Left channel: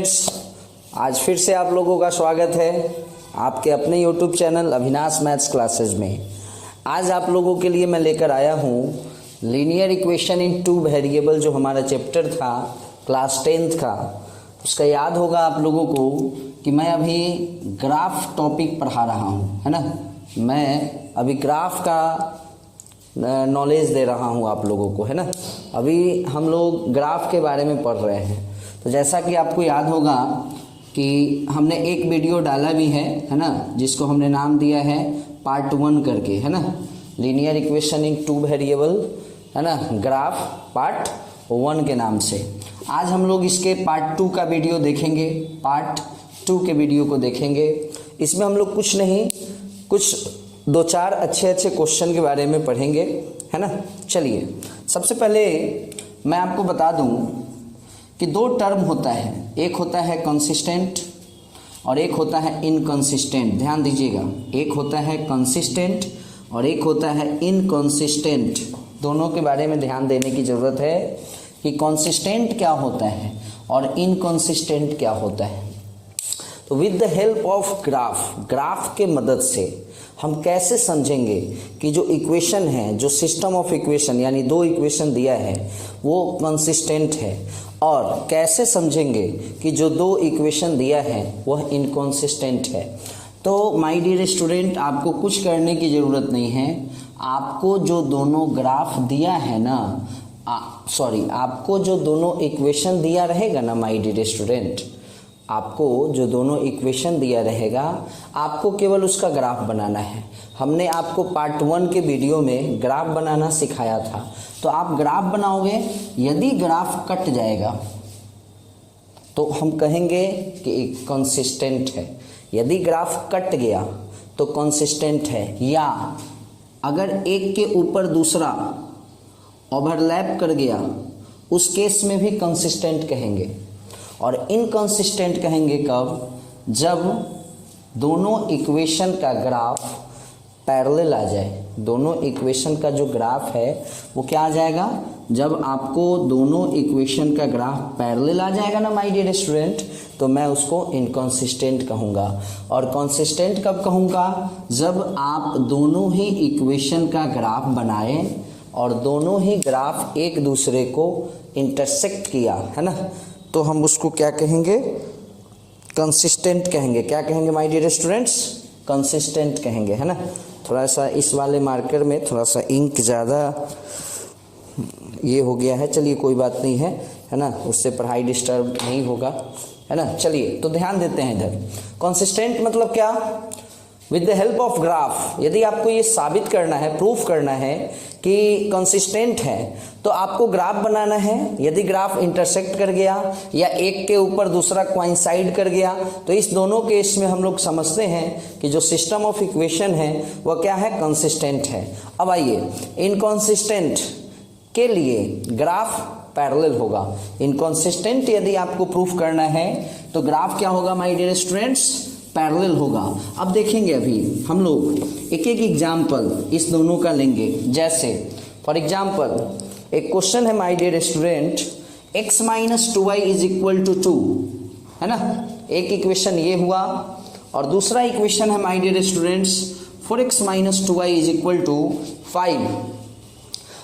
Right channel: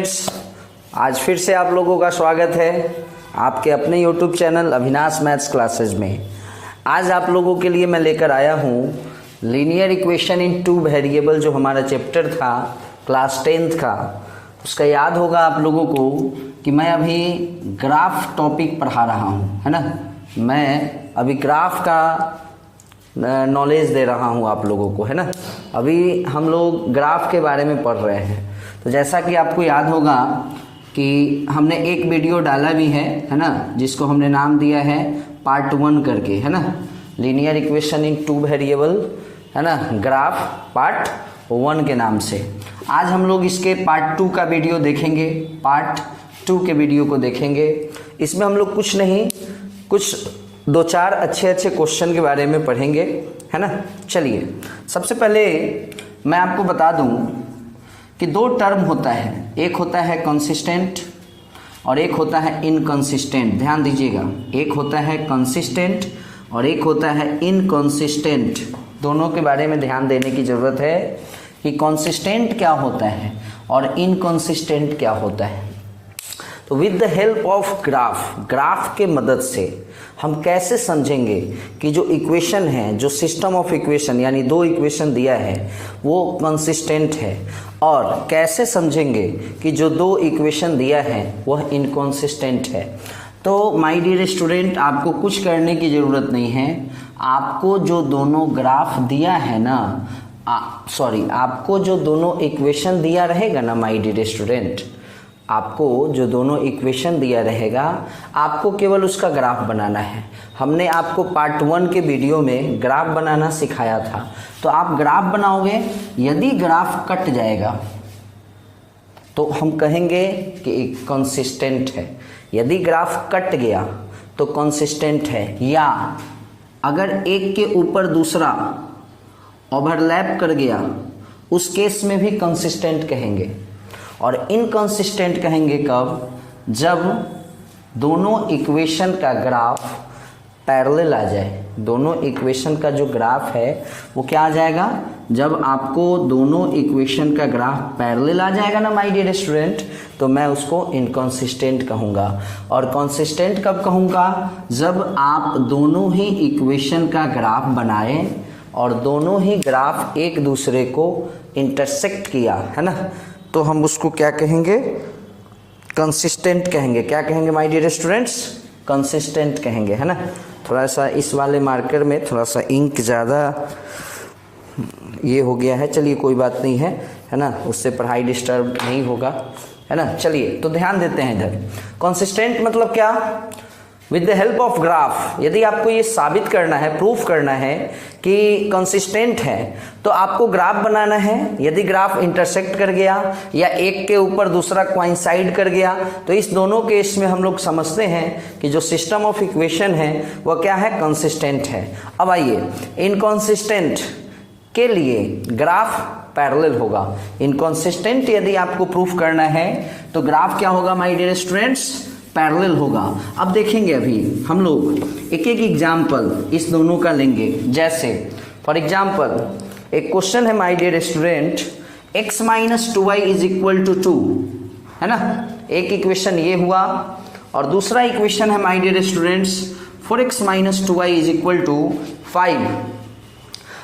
Students, आज फिर से आप लोगों का स्वागत है आपके अपने YouTube channel Avinash maths classes में। आज आप लोगों के लिए मैं लेकर आया हूँ linear equation in two variable, जो हमारा चैप्टर था क्लास 10th का। उसका याद होगा आप लोगों को कि मैं अभी ग्राफ टॉपिक पढ़ा रहा हूँ, है ना। मैं अभी ग्राफ का नॉलेज दे रहा हूँ आप लोगों को, है ना। अभी हम लोग ग्राफ के बारे में पढ़ रहे हैं। तो जैसा कि आपको याद होगा कि हमने एक वीडियो डाला भी है ना, जिसको हमने नाम दिया है पार्ट 1 करके, है ना। Linear equation in two variable, है ना, ग्राफ पार्ट 1 के नाम से। आज हम लोग इसके पार्ट 2 का वीडियो देखेंगे, पार्ट 2 के वीडियो को देखेंगे। इसमें हम लोग कुछ नहीं, कुछ 2-4 अच्छे क्वेश्चन के बारे में पढ़ेंगे, है ना। चलिए, सबसे पहले मैं आपको बता दूं कि 2 टर्म होता है, एक होता है कंसिस्टेंट और एक होता है इनकंसिस्टेंट। ध्यान दीजिएगा, एक होता है कंसिस्टेंट और एक होता है इनकंसिस्टेंट। दोनों के बारे में ध्यान देने की जरूरत है कि कंसिस्टेंट क्या होता है और इनकंसिस्टेंट क्या होता है। तो with the help of graph के मदद से हम कैसे समझेंगे कि जो इक्वेशन है, जो सिस्टम ऑफ इक्वेशन यानी 2 इक्वेशन दिया है वो कंसिस्टेंट है, और कैसे समझेंगे कि जो 2 इक्वेशन दिया है वह इनकंसिस्टेंट है। तो माय डियर स्टूडेंट, आपको कुछ करने की ज़रूरत नहीं है। आपको जो दोनों ग्राफ दिया है ना, आपको जो दोनों इक्वेशन दिया रहेगा ना माय डियर स्टूडेंट, आपको जो दोनों इक्वेशन दिया रहेगा, आपको केवल उसका ग्राफ बनाना है। हमने आपको पार्ट 1 के वीडियो में ग्राफ बनाना सिखाया था। तो आप ग्राफ बनाओगे, यदि ग्राफ कट जाएगा तो हम कहेंगे कि एक कंसिस्टेंट है। यदि ग्राफ कट गया तो कंसिस्टेंट है, या अगर एक के ऊपर दूसरा ओवरलैप कर गया उस केस में भी कंसिस्टेंट कहेंगे। और इनकंसिस्टेंट कहेंगे कब? जब दोनों इक्वेशन का ग्राफ पैरेलल आ जाए। दोनों इक्वेशन का जो ग्राफ है वो क्या आ जाएगा? जब आपको दोनों इक्वेशन का ग्राफ पैरेलल आ जाएगा ना माय डियर स्टूडेंट, तो मैं उसको इनकंसिस्टेंट कहूँगा। और कंसिस्टेंट कब कहूँगा? जब आप दोनों ही इक्वेशन का ग्राफ बनाएं और दोनों ही ग्राफ एक दूसरे को इंटरसेक्ट किया, है ना, तो हम उसको क्या कहेंगे? कंसिस्टेंट कहेंगे। क्या कहेंगे माय डियर स्टूडेंट्स? कंसिस्टेंट कहेंगे, है ना। थोड़ा सा इस वाले मार्कर में थोड़ा सा इंक ज़्यादा ये हो गया है, चलिए कोई बात नहीं है ना, उससे पढ़ाई डिस्टर्ब नहीं होगा, है ना। चलिए, तो ध्यान देते हैं इधर। कंसिस्टेंट मतलब क्या? With the help of graph, यदि आपको ये साबित करना है, प्रूफ करना है कि कंसिस्टेंट है, तो आपको ग्राफ बनाना है। यदि ग्राफ इंटरसेक्ट कर गया या एक के ऊपर दूसरा कोइंसाइड कर गया, तो इस दोनों केस में हम लोग समझते हैं कि जो सिस्टम ऑफ इक्वेशन है वह क्या है? कंसिस्टेंट है। अब आइए, इनकंसिस्टेंट के लिए ग्राफ पैरेलल होगा। इनकंसिस्टेंट यदि आपको प्रूफ करना है तो ग्राफ क्या होगा माय डियर स्टूडेंट्स? पैरेलल होगा। अब देखेंगे, अभी हम लोग एक एग्जाम्पल इस दोनों का लेंगे। जैसे फॉर एग्जाम्पल एक क्वेश्चन है my dear student, x - 2y = 2, है ना। एक इक्वेशन ये हुआ और दूसरा इक्वेशन है my dear students 4x - 2y = 5।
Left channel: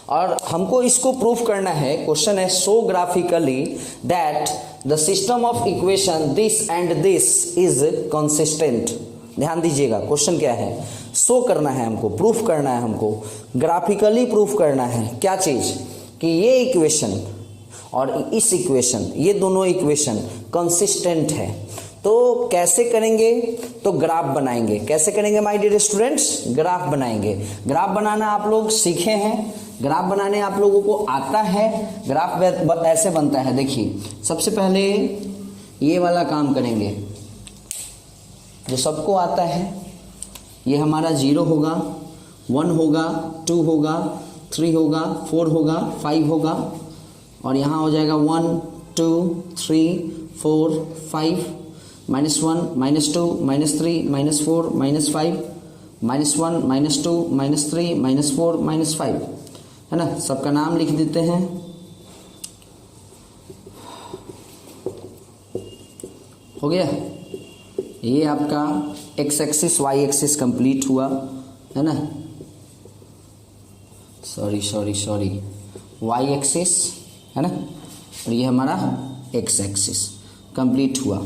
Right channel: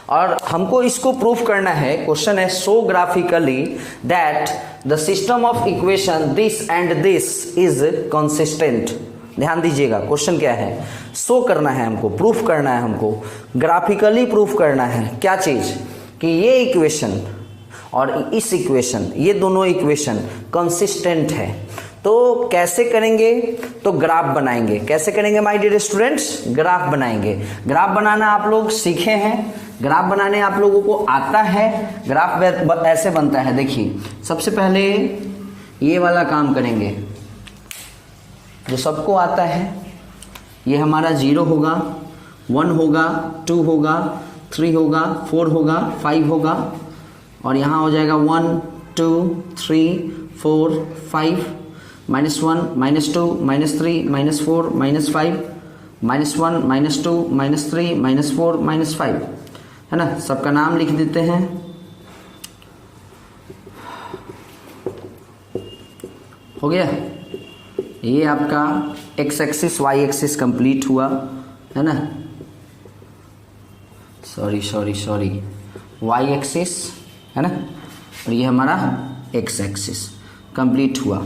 और हमको इसको प्रूफ करना है। क्वेश्चन है, show graphically that the system of equation this and this is consistent. ध्यान दीजिएगा, क्वेश्चन क्या है? शो करना है हमको, प्रूफ करना है हमको, ग्राफिकली प्रूफ करना है। क्या चीज? कि ये इक्वेशन और इस इक्वेशन, ये दोनों इक्वेशन कंसिस्टेंट है। तो कैसे करेंगे? तो ग्राफ बनाएंगे। कैसे करेंगे माय डियर स्टूडेंट्स? ग्राफ बनाएंगे। ग्राफ बनाना आप लोग सीखे हैं, ग्राफ बनाने आप लोगों को आता है। ग्राफ ऐसे बनता है, देखिए, सबसे पहले ये वाला काम करेंगे जो सबको आता है। ये हमारा 0 होगा, 1 होगा, 2 होगा, 3 होगा, 4 होगा, 5 होगा, और यहाँ हो जाएगा 1 2 3 4 5 -1 -2 -3 -4 -5 -1 -2 -3 -4 -5, है ना। सबका नाम लिख देते हैं। हो गया। ये आपका X axis Y axis complete हुआ, है ना, सॉरी वाई एक्सिस, है ना, और ये हमारा एक्स एक्सिस कंप्लीट हुआ।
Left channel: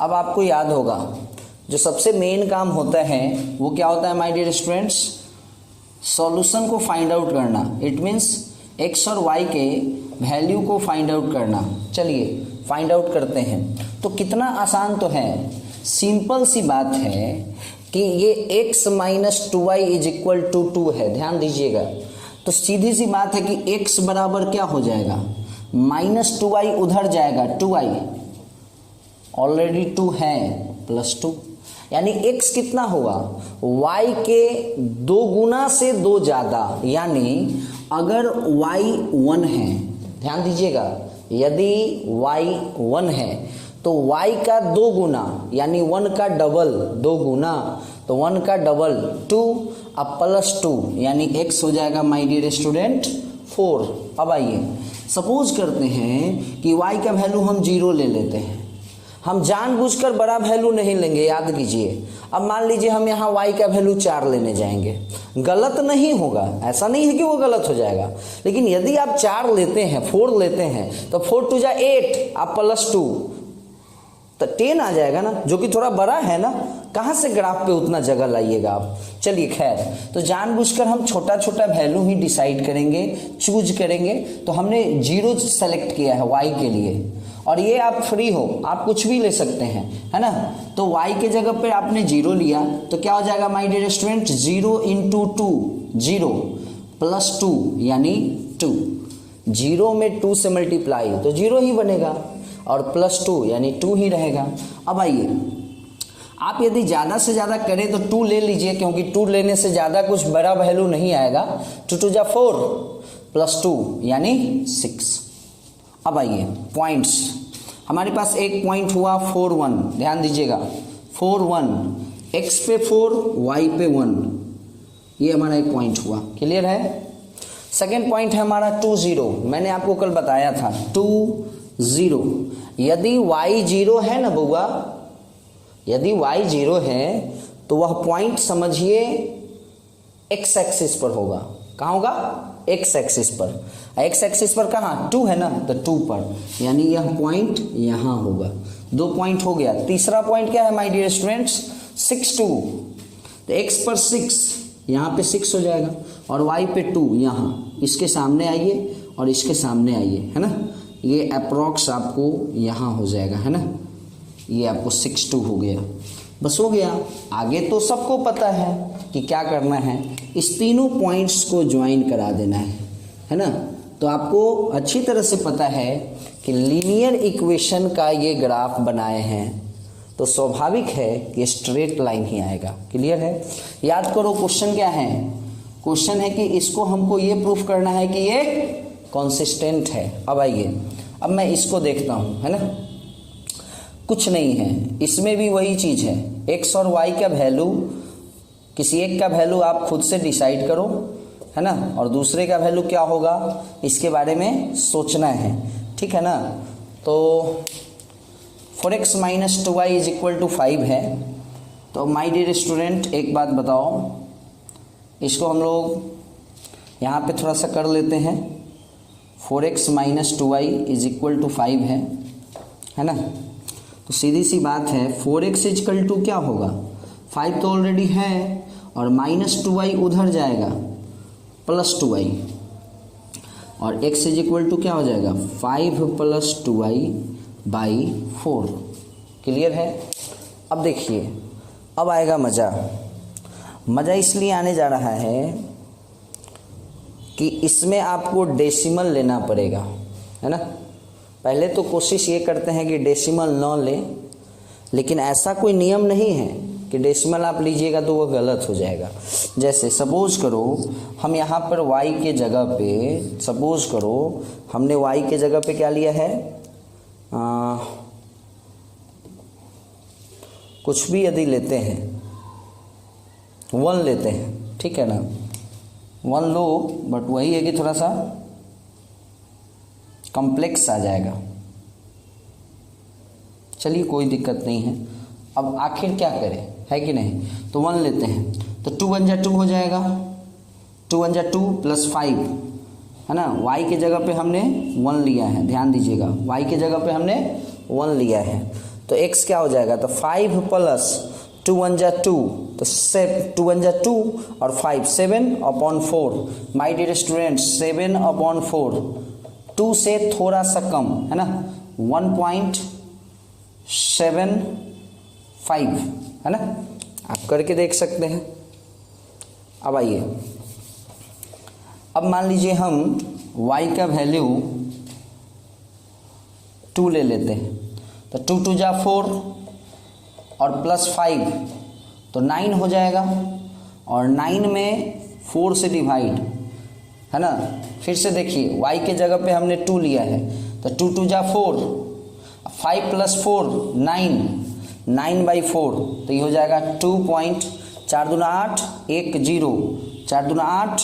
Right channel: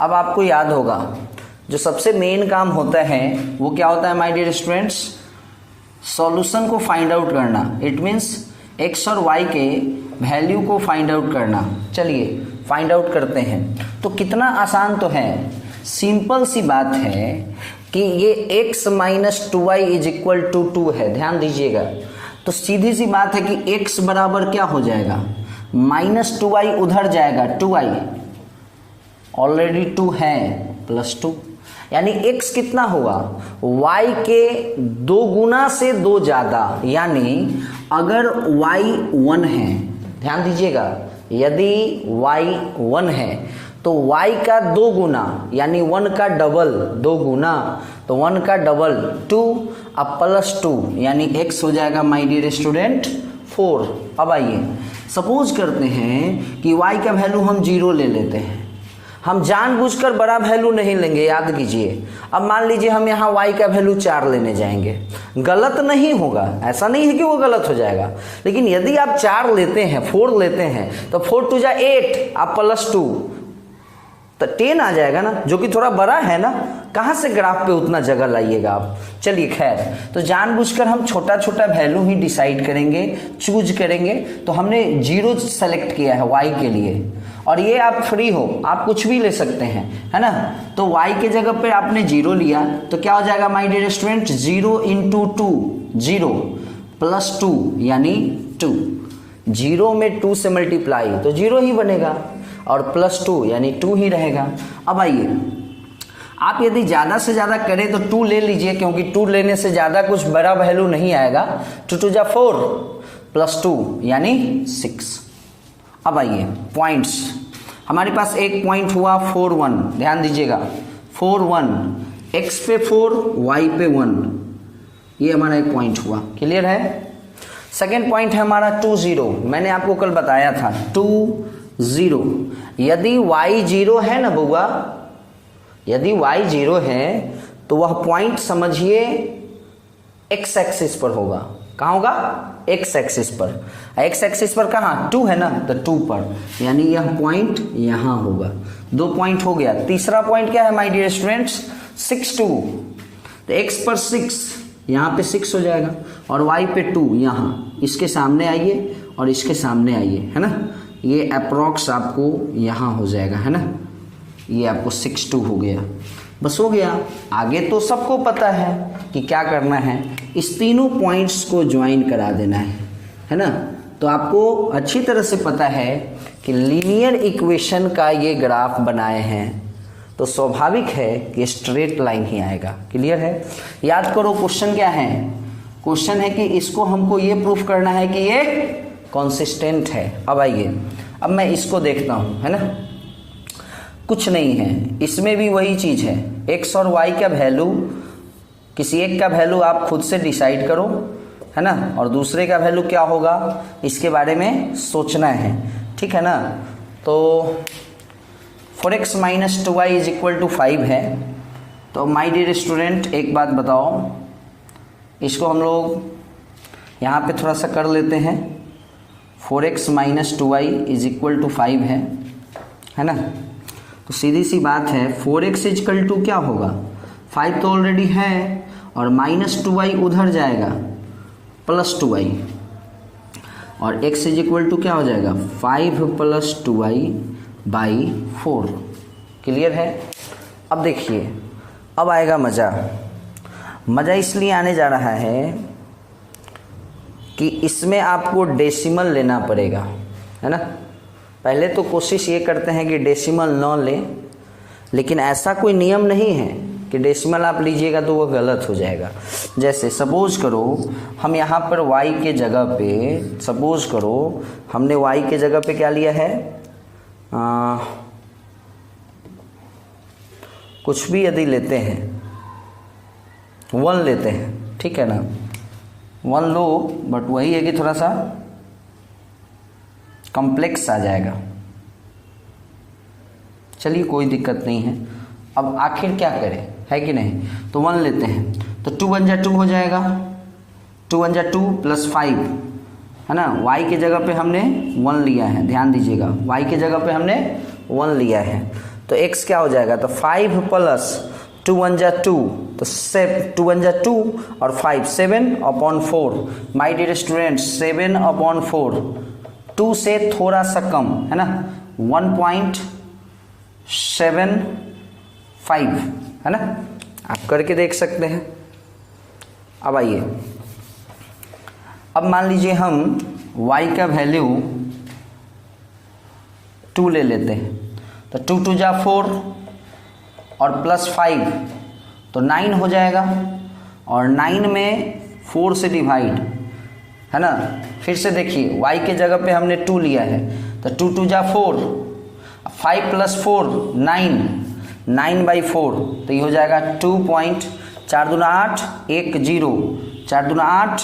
अब आपको याद होगा जो सबसे मेन काम होता है वो क्या होता है माय डियर स्टूडेंट्स, सॉल्यूशन को फाइंड आउट करना। इट मीन्स एक्स और वाई के वैल्यू को फाइंड आउट करना। चलिए फाइंड आउट करते हैं। तो कितना आसान तो है, सिंपल सी बात है कि ये x minus 2y is equal to 2 है, ध्यान दीजिएगा। तो सीधी सी बात है कि x बराबर क्या हो जाएगा, माइनस 2y उधर जाएगा, 2y ऑलरेडी 2 है, प्लस 2, यानी x कितना हुआ, y के 2 गुना से 2 ज्यादा। यानी अगर y 1 है, ध्यान दीजिएगा, यदि y 1 है तो y का 2 गुना यानी 1 का डबल, 2 गुना तो 1 का डबल 2, अब प्लस 2 यानी x हो जाएगा माय डियर स्टूडेंट 4। अब आइए सपोज करते हैं कि y का वैल्यू हम 0 ले लेते हैं। हम जानबूझकर बड़ा वैल्यू नहीं लेंगे, याद कीजिए। अब मान लीजिए हम यहाँ y का वैल्यू 4 लेने जाएंगे, गलत नहीं होगा, ऐसा नहीं है कि वो गलत हो जाएगा। लेकिन यदि आप 4 लेते हैं, 4 लेते हैं तो 4 2 जा 8, आप प्लस 2 तो 10 आ जाएगा ना, जो कि थोड़ा बड़ा है ना। कहाँ से ग्राफ पे उतना जगह लाइएगा आप। चलिए खैर, तो जानबूझकर हम छोटा छोटा वैल्यू ही डिसाइड करेंगे, चूज करेंगे। तो हमने 0 सेलेक्ट किया है y के लिए, और ये आप फ्री हो, आप कुछ भी ले सकते हैं, है ना। तो y के जगह पे आपने 0 लिया तो क्या हो जाएगा my dear student, 0 into 2, 0 plus 2 यानी 2, 0 में 2 से मल्टीप्लाई तो 0 ही बनेगा, और प्लस 2 यानी 2 ही रहेगा। अब आइए आप यदि ज़्यादा से ज़्यादा करें तो 2 ले लीजिए, क्योंकि 2 लेने से ज़्यादा कुछ बड़ा वैल्यू नहीं आएगा। 2 2 जा 4 प्लस 2 यानी 6। अब आइए पॉइंट्स, हमारे पास एक पॉइंट हुआ 4 1, ध्यान दीजिएगा 4 1, x पे 4 y पे 1, ये हमारा एक पॉइंट हुआ, क्लियर है। सेकेंड पॉइंट है हमारा 2 0, मैंने आपको कल बताया था 2 0। यदि y 0 है ना बउआ, यदि y 0 है तो वह पॉइंट समझिए x एक्सिस पर होगा। कहाँ होगा, x एक्सिस पर। x एक्सिस पर कहाँ, 2 है ना, तो 2 पर, यानी यह पॉइंट यहाँ होगा। 2 पॉइंट हो गया। तीसरा पॉइंट क्या है माय डियर स्टूडेंट्स, 6 2, तो x पर 6, यहाँ पे 6 हो जाएगा, और y पे 2, यहाँ इसके सामने आइए और इसके सामने आइए, है ना। ये अप्रोक्स आपको यहाँ हो जाएगा, है ना, ये आपको 6 2 हो गया। बस हो गया। आगे तो सबको पता है कि क्या करना है, इस तीनों पॉइंट्स को ज्वाइन करा देना है ना। तो आपको अच्छी तरह से पता है कि लीनियर इक्वेशन का ये ग्राफ बनाए हैं तो स्वाभाविक है कि स्ट्रेट लाइन ही आएगा, क्लियर है। याद करो क्वेश्चन क्या है, क्वेश्चन है कि इसको हमको ये प्रूफ करना है कि ये कॉन्सिस्टेंट है। अब आइए, अब मैं इसको देखता हूं, है ना, कुछ नहीं है, इसमें भी वही चीज है, x और y का वैल्यू, किसी एक का वैल्यू आप खुद से डिसाइड करो, है ना, और दूसरे का वैल्यू क्या होगा इसके बारे में सोचना है, ठीक है ना। तो 4x minus 2y is equal to 5 है। तो माय डियर स्टूडेंट एक बात बताओ, इसको हम लोग यहाँ पे थोड़ा सा कर लेते हैं। 4x minus 2y is equal to 5 है ना। तो सीधी सी बात है 4x इज इक्वल टू क्या होगा, 5 तो ऑलरेडी है, और माइनस 2y उधर जाएगा, प्लस 2y, और x इज इक्वल टू क्या हो जाएगा 5 प्लस 2y बाई 4, क्लियर है। अब देखिए, अब आएगा मज़ा। मज़ा इसलिए आने जा रहा है कि इसमें आपको डेसिमल लेना पड़ेगा, है ना। पहले तो कोशिश ये करते हैं कि डेसिमल न लें, लेकिन ऐसा कोई नियम नहीं है कि डेसिमल आप लीजिएगा तो वो गलत हो जाएगा। जैसे सपोज करो हम यहाँ पर y के जगह पे, सपोज करो हमने y के जगह पे क्या लिया है, कुछ भी यदि लेते हैं 1 लेते हैं, ठीक है ना, 1 लो, बट वही है कि थोड़ा सा कॉम्प्लेक्स आ जाएगा। चलिए कोई दिक्कत नहीं है। अब आखिर क्या करें, है कि नहीं, तो 1 लेते हैं, तो 2 1 जा 2 हो जाएगा, 2 1 जा 2 प्लस 5, है ना। y की जगह पे हमने 1 लिया है, ध्यान दीजिएगा, y की जगह पे हमने 1 लिया है, तो x क्या हो जाएगा, तो 5 प्लस 2 1 जा 2, तो 2 1 जा 2 और 5 7/4। माय डियर स्टूडेंट 7/4, 2 से थोड़ा सा कम, है ना, 1.75, है ना, आप करके देख सकते हैं। अब आइए, अब मान लीजिए हम y का वैल्यू 2 ले लेते हैं, तो 2 2 जा 4 और प्लस 5 तो 9 हो जाएगा, और 9 में 4 से डिवाइड, है ना। फिर से देखिए y के जगह पे हमने 2 लिया है, तो 2 2 जा 4, 5 प्लस 4 9, 9/4, तो ये हो जाएगा 2.4 दूना 8 1 0, 4 दूना 8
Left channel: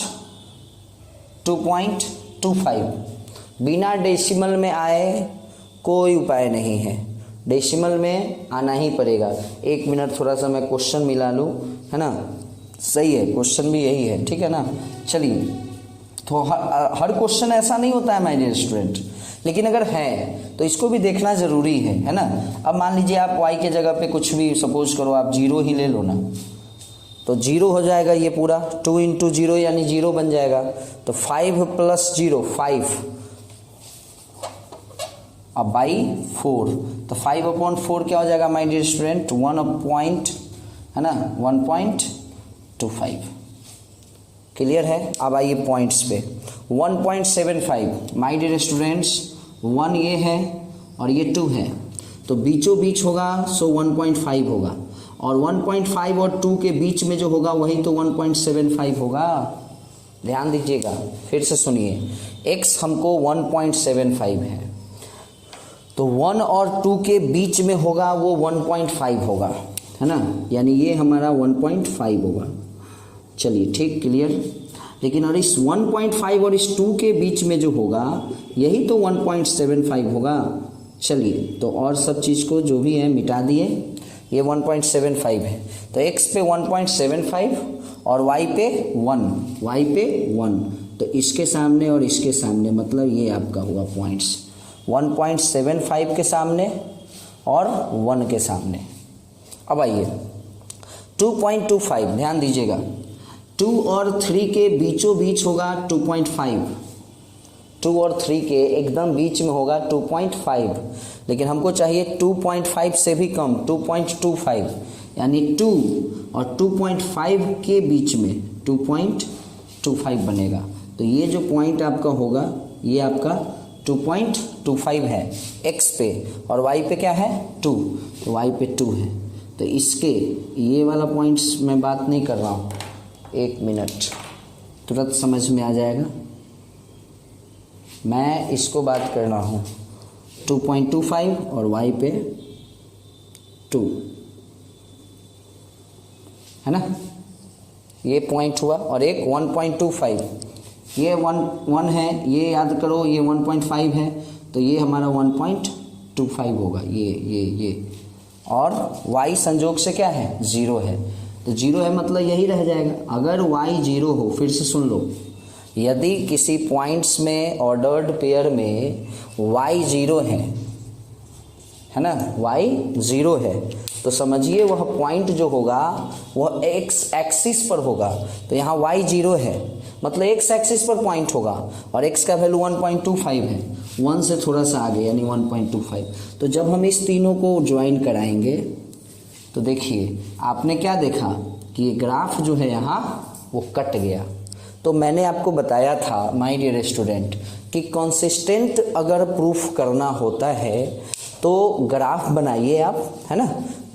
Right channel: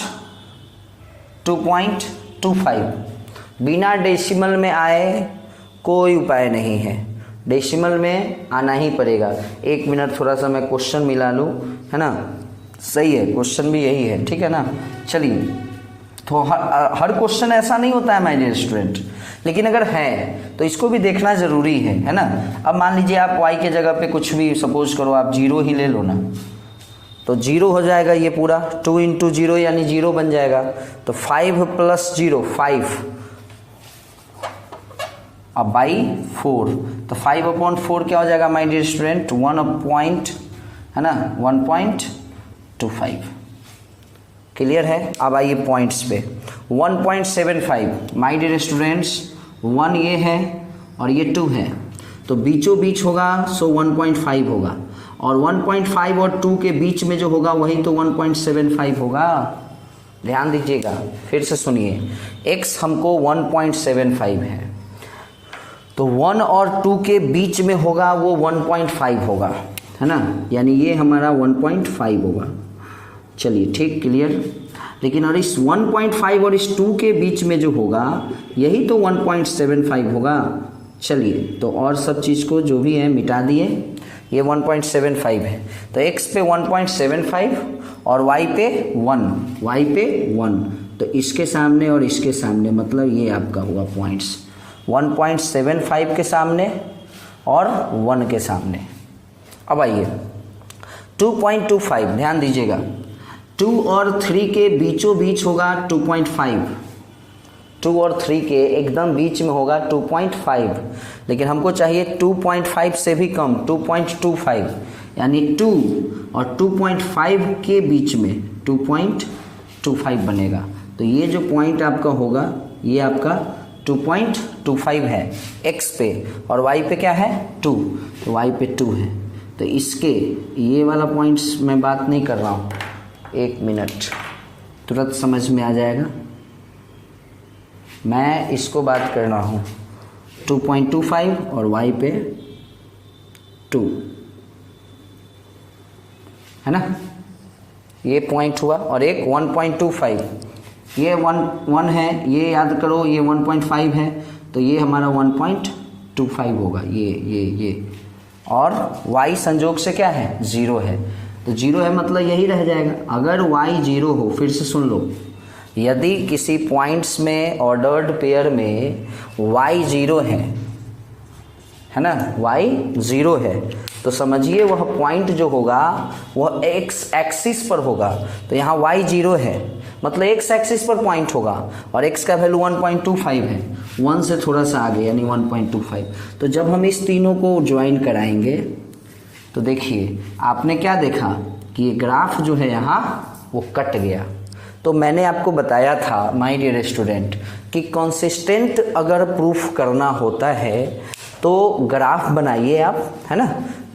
2.25। बिना डेसिमल में आए कोई उपाय नहीं है, डेसिमल में आना ही पड़ेगा। 1 मिनट थोड़ा सा मैं क्वेश्चन मिला लूँ, है ना, सही है, क्वेश्चन भी यही है, ठीक है ना। चलिए, तो हर क्वेश्चन ऐसा नहीं होता है माय डियर स्टूडेंट, लेकिन अगर है तो इसको भी देखना जरूरी है ना। अब मान लीजिए आप y के जगह पे कुछ भी सपोज करो, आप 0 ही ले लो ना, तो 0 हो जाएगा ये पूरा, 2 × 0 यानी 0 बन जाएगा, तो 5 प्लस 0 5, अब बाई 4, तो 5/4 क्या हो जाएगा माय डियर स्टूडेंट, 1.25। क्लियर है। अब आइए पॉइंट्स पे, 1.75 माय डियर स्टूडेंट्स, 1 ये है और ये 2 है, तो बीचों बीच होगा, सो 1.5 होगा, और 1.5 और 2 के बीच में जो होगा वही तो 1.75 होगा। ध्यान दीजिएगा, फिर से सुनिए, x हमको 1.75 है, तो 1 और 2 के बीच में होगा वो 1.5 होगा, है ना, यानी ये हमारा 1.5 होगा। चलिए ठीक, क्लियर। लेकिन और इस 1.5 और इस 2 के बीच में जो होगा यही तो 1.75 होगा। चलिए, तो और सब चीज़ को जो भी है मिटा दिए, ये 1.75 है, तो x पे 1.75 और y पे 1, तो इसके सामने और इसके सामने, मतलब ये आपका होगा पॉइंट्स, 1.75 के सामने और 1 के सामने। अब आइए 2.25, ध्यान दीजिएगा, 2 और 3 के बीचों बीच होगा 2.5, 2 और 3 के एकदम बीच में होगा 2.5, लेकिन हमको चाहिए 2.5 से भी कम, 2.25, यानी 2 और 2.5 के बीच में 2.25 बनेगा। तो ये जो पॉइंट आपका होगा ये आपका 2.25 है x पे, और y पे क्या है 2, तो y पे 2 है। तो इसके ये वाला पॉइंट्स मैं बात नहीं कर रहा हूँ, 1 मिनट, तुरंत समझ में आ जाएगा। मैं इसको बात कर रहा हूँ 2.25 और y पे 2, है ना, ये पॉइंट हुआ। और एक 1.25, ये 1 है, ये याद करो, ये 1.5 है, तो ये हमारा 1.25 होगा, ये और y संजोग से क्या है 0 है, तो 0 है मतलब यही रह जाएगा। अगर y 0 हो, फिर से सुन लो, यदि किसी पॉइंट्स में ऑर्डर्ड पेयर में y 0 है ना, y 0 है, तो समझिए वह पॉइंट जो होगा वह x एक्सिस पर होगा, तो यहाँ y 0 है मतलब x एक्सिस पर पॉइंट होगा, और x का वैल्यू 1.25 है, 1 से थोड़ा सा आगे यानी 1.25। तो जब हम इस तीनों को ज्वाइन कराएंगे तो देखिए आपने क्या देखा कि ये ग्राफ जो है यहाँ वो कट गया। तो मैंने आपको बताया था माय डियर स्टूडेंट कि कंसिस्टेंट अगर प्रूफ करना होता है तो ग्राफ बनाइए आप, है ना,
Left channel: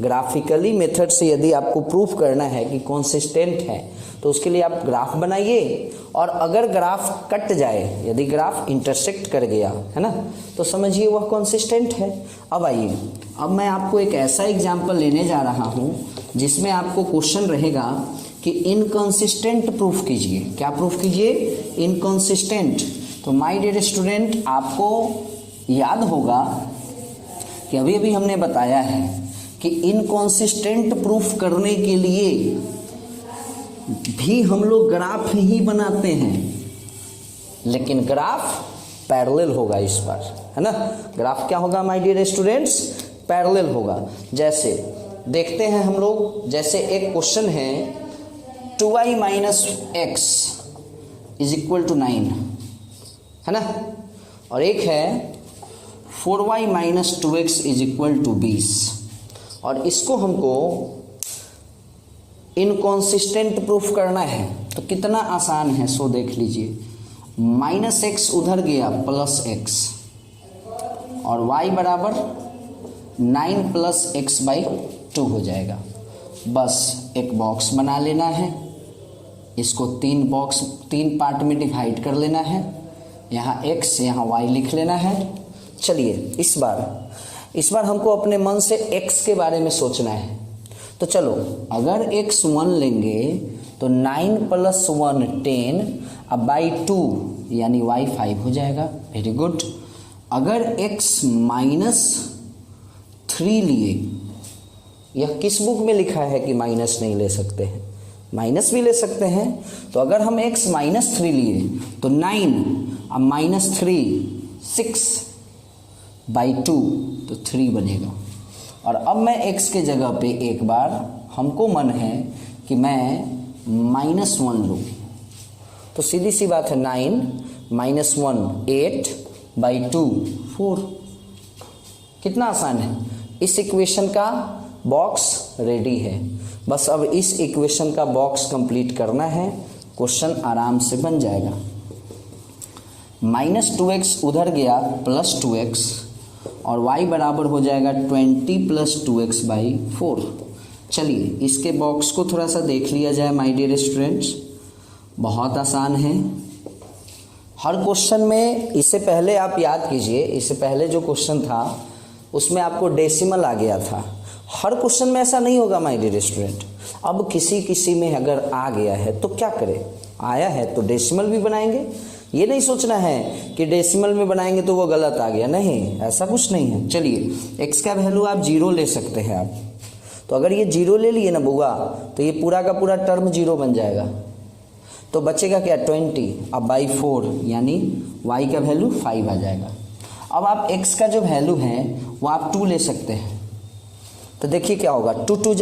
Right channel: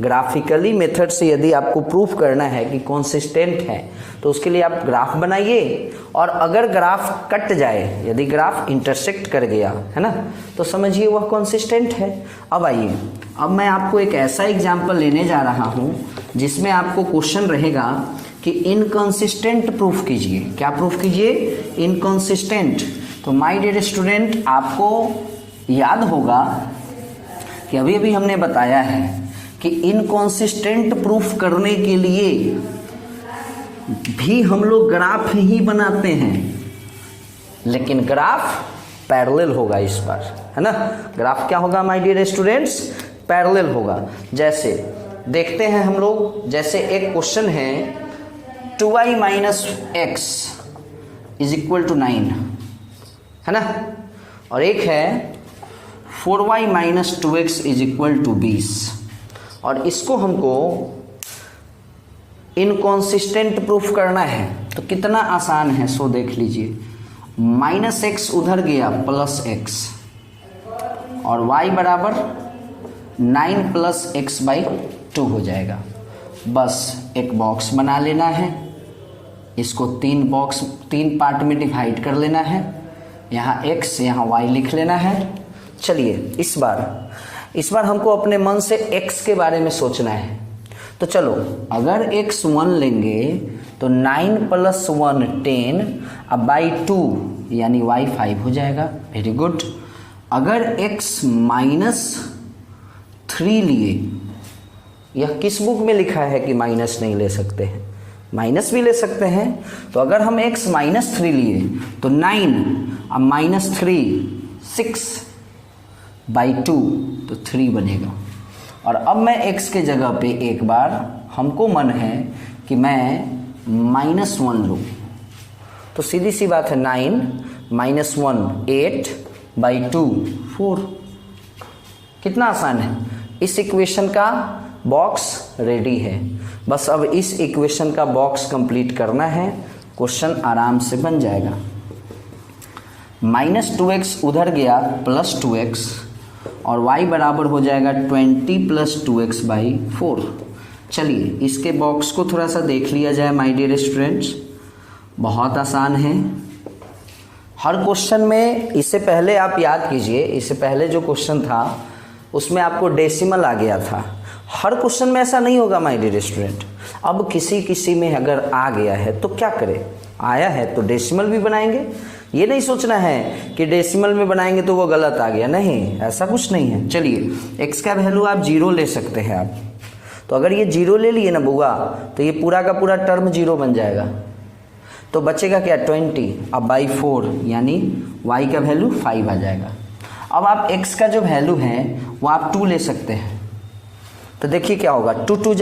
ग्राफिकली मेथड से यदि आपको प्रूफ करना है कि कंसिस्टेंट है तो उसके लिए आप ग्राफ बनाइए, और अगर ग्राफ कट जाए, यदि ग्राफ इंटरसेक्ट कर गया, है ना, तो समझिए वह कंसिस्टेंट है। अब आइए, अब मैं आपको एक ऐसा एग्जाम्पल लेने जा रहा हूँ जिसमें आपको क्वेश्चन रहेगा कि इनकंसिस्टेंट प्रूफ कीजिए। क्या प्रूफ कीजिए? इनकंसिस्टेंट। तो माय डियर स्टूडेंट आपको याद होगा कि अभी अभी हमने बताया है कि इनकॉन्सिस्टेंट प्रूफ करने के लिए भी हम लोग ग्राफ ही बनाते हैं, लेकिन ग्राफ पैरेलल होगा इस बार, है ना। ग्राफ क्या होगा माय डियर स्टूडेंट्स? पैरेलल होगा। जैसे देखते हैं हम लोग, जैसे एक क्वेश्चन है 2y minus X is equal to 9, है ना, और एक है 4y minus 2x is equal to 20, और इसको हमको इनकॉन्सिस्टेंट प्रूफ करना है। तो कितना आसान है, सो देख लीजिए। माइनस एक्स उधर गया प्लस एक्स, और y बराबर 9 प्लस एक्स बाई 2 हो जाएगा। बस एक बॉक्स बना लेना है, इसको तीन पार्ट में डिवाइड कर लेना है, यहाँ x यहाँ y लिख लेना है। चलिए इस बार हमको अपने मन से x के बारे में सोचना है। तो चलो, अगर x 1 लेंगे तो 9 प्लस 1 10, अब बाई 2 यानी y 5 हो जाएगा। Very good. अगर x माइनस 3 लिए, यह किस बुक में लिखा है कि माइनस नहीं ले सकते हैं? माइनस भी ले सकते हैं। तो अगर हम x माइनस 3 लिए तो 9, अब माइनस 3 6 बाई 2 तो 3 बनेगा। और अब मैं x के जगह पे एक बार हमको मन है कि मैं -1 लूँ, तो सीधी सी बात है 9 माइनस 1 8 बाई 2 4। कितना आसान है। इस इक्वेशन का बॉक्स रेडी है, बस अब इस इक्वेशन का बॉक्स कंप्लीट करना है, क्वेश्चन आराम से बन जाएगा। -2x उधर गया प्लस 2x, और y बराबर हो जाएगा 20 प्लस 2x बाई 4। चलिए इसके बॉक्स को थोड़ा सा देख लिया जाए माय डियर स्टूडेंट्स। बहुत आसान है। हर क्वेश्चन में, इससे पहले आप याद कीजिए, इससे पहले जो क्वेश्चन था उसमें आपको डेसिमल आ गया था। हर क्वेश्चन में ऐसा नहीं होगा माय डियर स्टूडेंट। अब किसी में अगर आ गया है तो क्या करें, आया है तो डेसिमल भी बनाएंगे। ये नहीं सोचना है कि डेसिमल में बनाएंगे तो वो गलत आ गया, नहीं, ऐसा कुछ नहीं है। चलिए x का वैल्यू आप 0 ले सकते हैं आप। तो अगर ये 0 ले लिए ना बुआ, तो ये पूरा का पूरा टर्म 0 बन जाएगा। तो बचेगा क्या 20, अब बाई 4 यानी y का वैल्यू 5 आ जाएगा। अब आप x का जो वैल्यू है वो आप 2 ले सकते हैं। तो देखिए क्या होगा, 2 2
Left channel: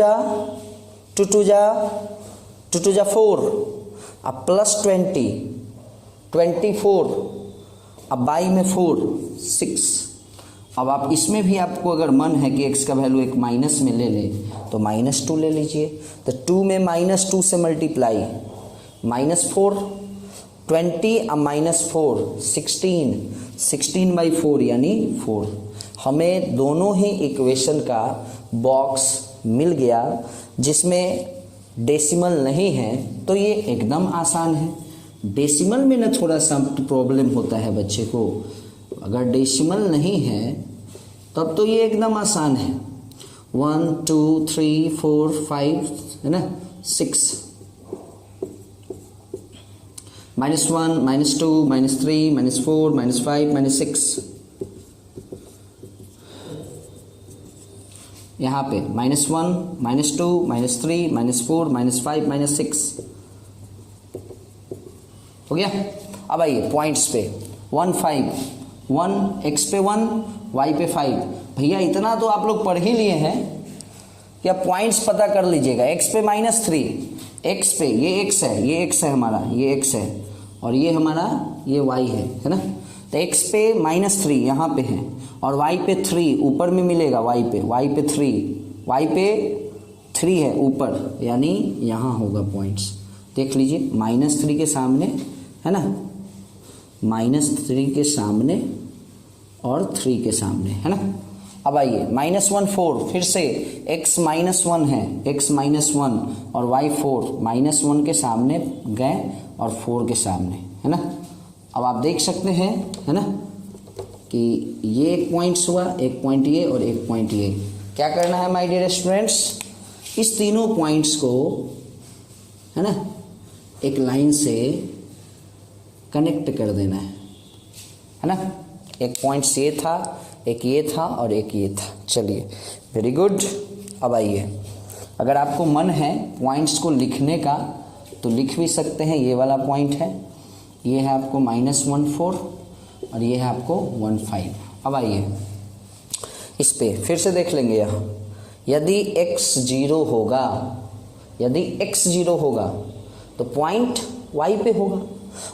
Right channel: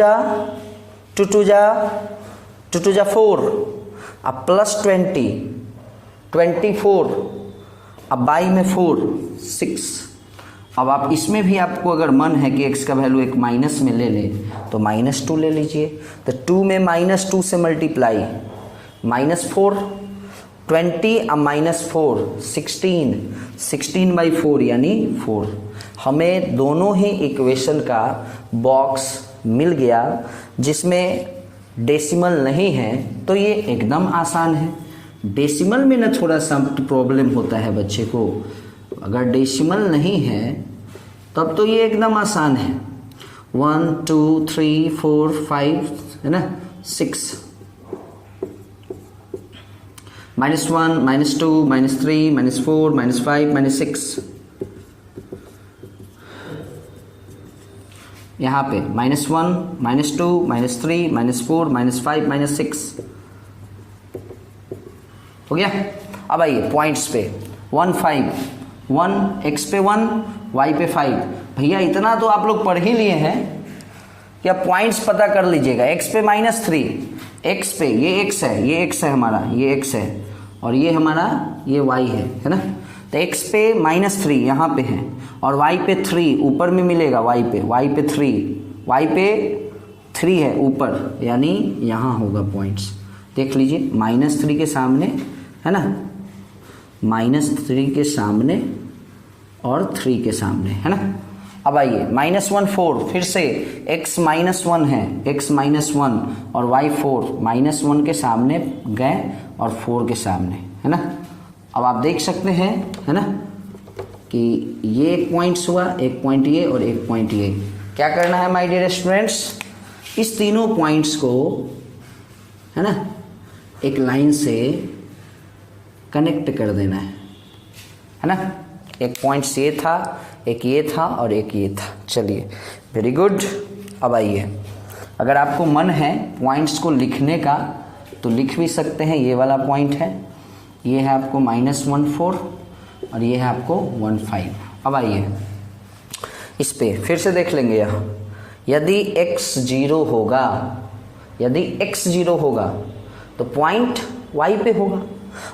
जा 4, अब प्लस 24, अब बाई में 4 6। अब आप इसमें भी आपको अगर मन है कि x का वैल्यू एक माइनस में ले ले तो -2 ले लीजिए। तो 2 में -2 से मल्टीप्लाई, -4 20, अब -4 16 बाई 4 यानी 4। हमें दोनों ही इक्वेशन का बॉक्स मिल गया जिसमें डेसिमल नहीं है। तो ये एकदम आसान है। डेसिमल में ना थोड़ा सा प्रॉब्लम होता है बच्चे को, अगर डेसिमल नहीं है तब तो ये एकदम आसान है। 1 2 3 4 5 है ना, 6 -1 -2 -3 -4 -5 -6, यहाँ पे -1 -2 -3 -4 -5 -6 हो गया। अब आइए पॉइंट्स पे, 1 5 1 x पे 1 y पे 5। भैया इतना तो आप लोग पढ़ ही लिए हैं कि आप पॉइंट्स पता कर लीजिएगा। x पे -3, x पे ये x है, ये x है हमारा, ये x है, और ये हमारा ये y है ना। तो x पे -3 यहाँ पे है, और y पे 3 ऊपर में मिलेगा, y पे 3 है ऊपर, यानी यहाँ होगा पॉइंट्स। देख लीजिए -3 के सामने है ना, -3 के सामने और 3 के सामने है ना। अब आइए -1 4, फिर से x -1 है, x -1 और y 4, -1 के सामने गए और 4 के सामने है ना। अब आप देख सकते हैं है ना कि ये एक पॉइंट्स हुआ, एक पॉइंट ये और एक पॉइंट ये। क्या करना है माय डियर स्टूडेंट्स, इस तीनों पॉइंट्स को है ना एक लाइन से कनेक्ट कर देना है ना। एक पॉइंट ये था, एक ये था और एक ये था। चलिए वेरी गुड। अब आइए, अगर आपको मन है पॉइंट्स को लिखने का तो लिख भी सकते हैं। ये वाला पॉइंट है, ये है आपको -14 और ये है आपको 15। अब आइए इस पे फिर से देख लेंगे। यहाँ यदि x 0 होगा, यदि x 0 होगा तो पॉइंट y पे होगा,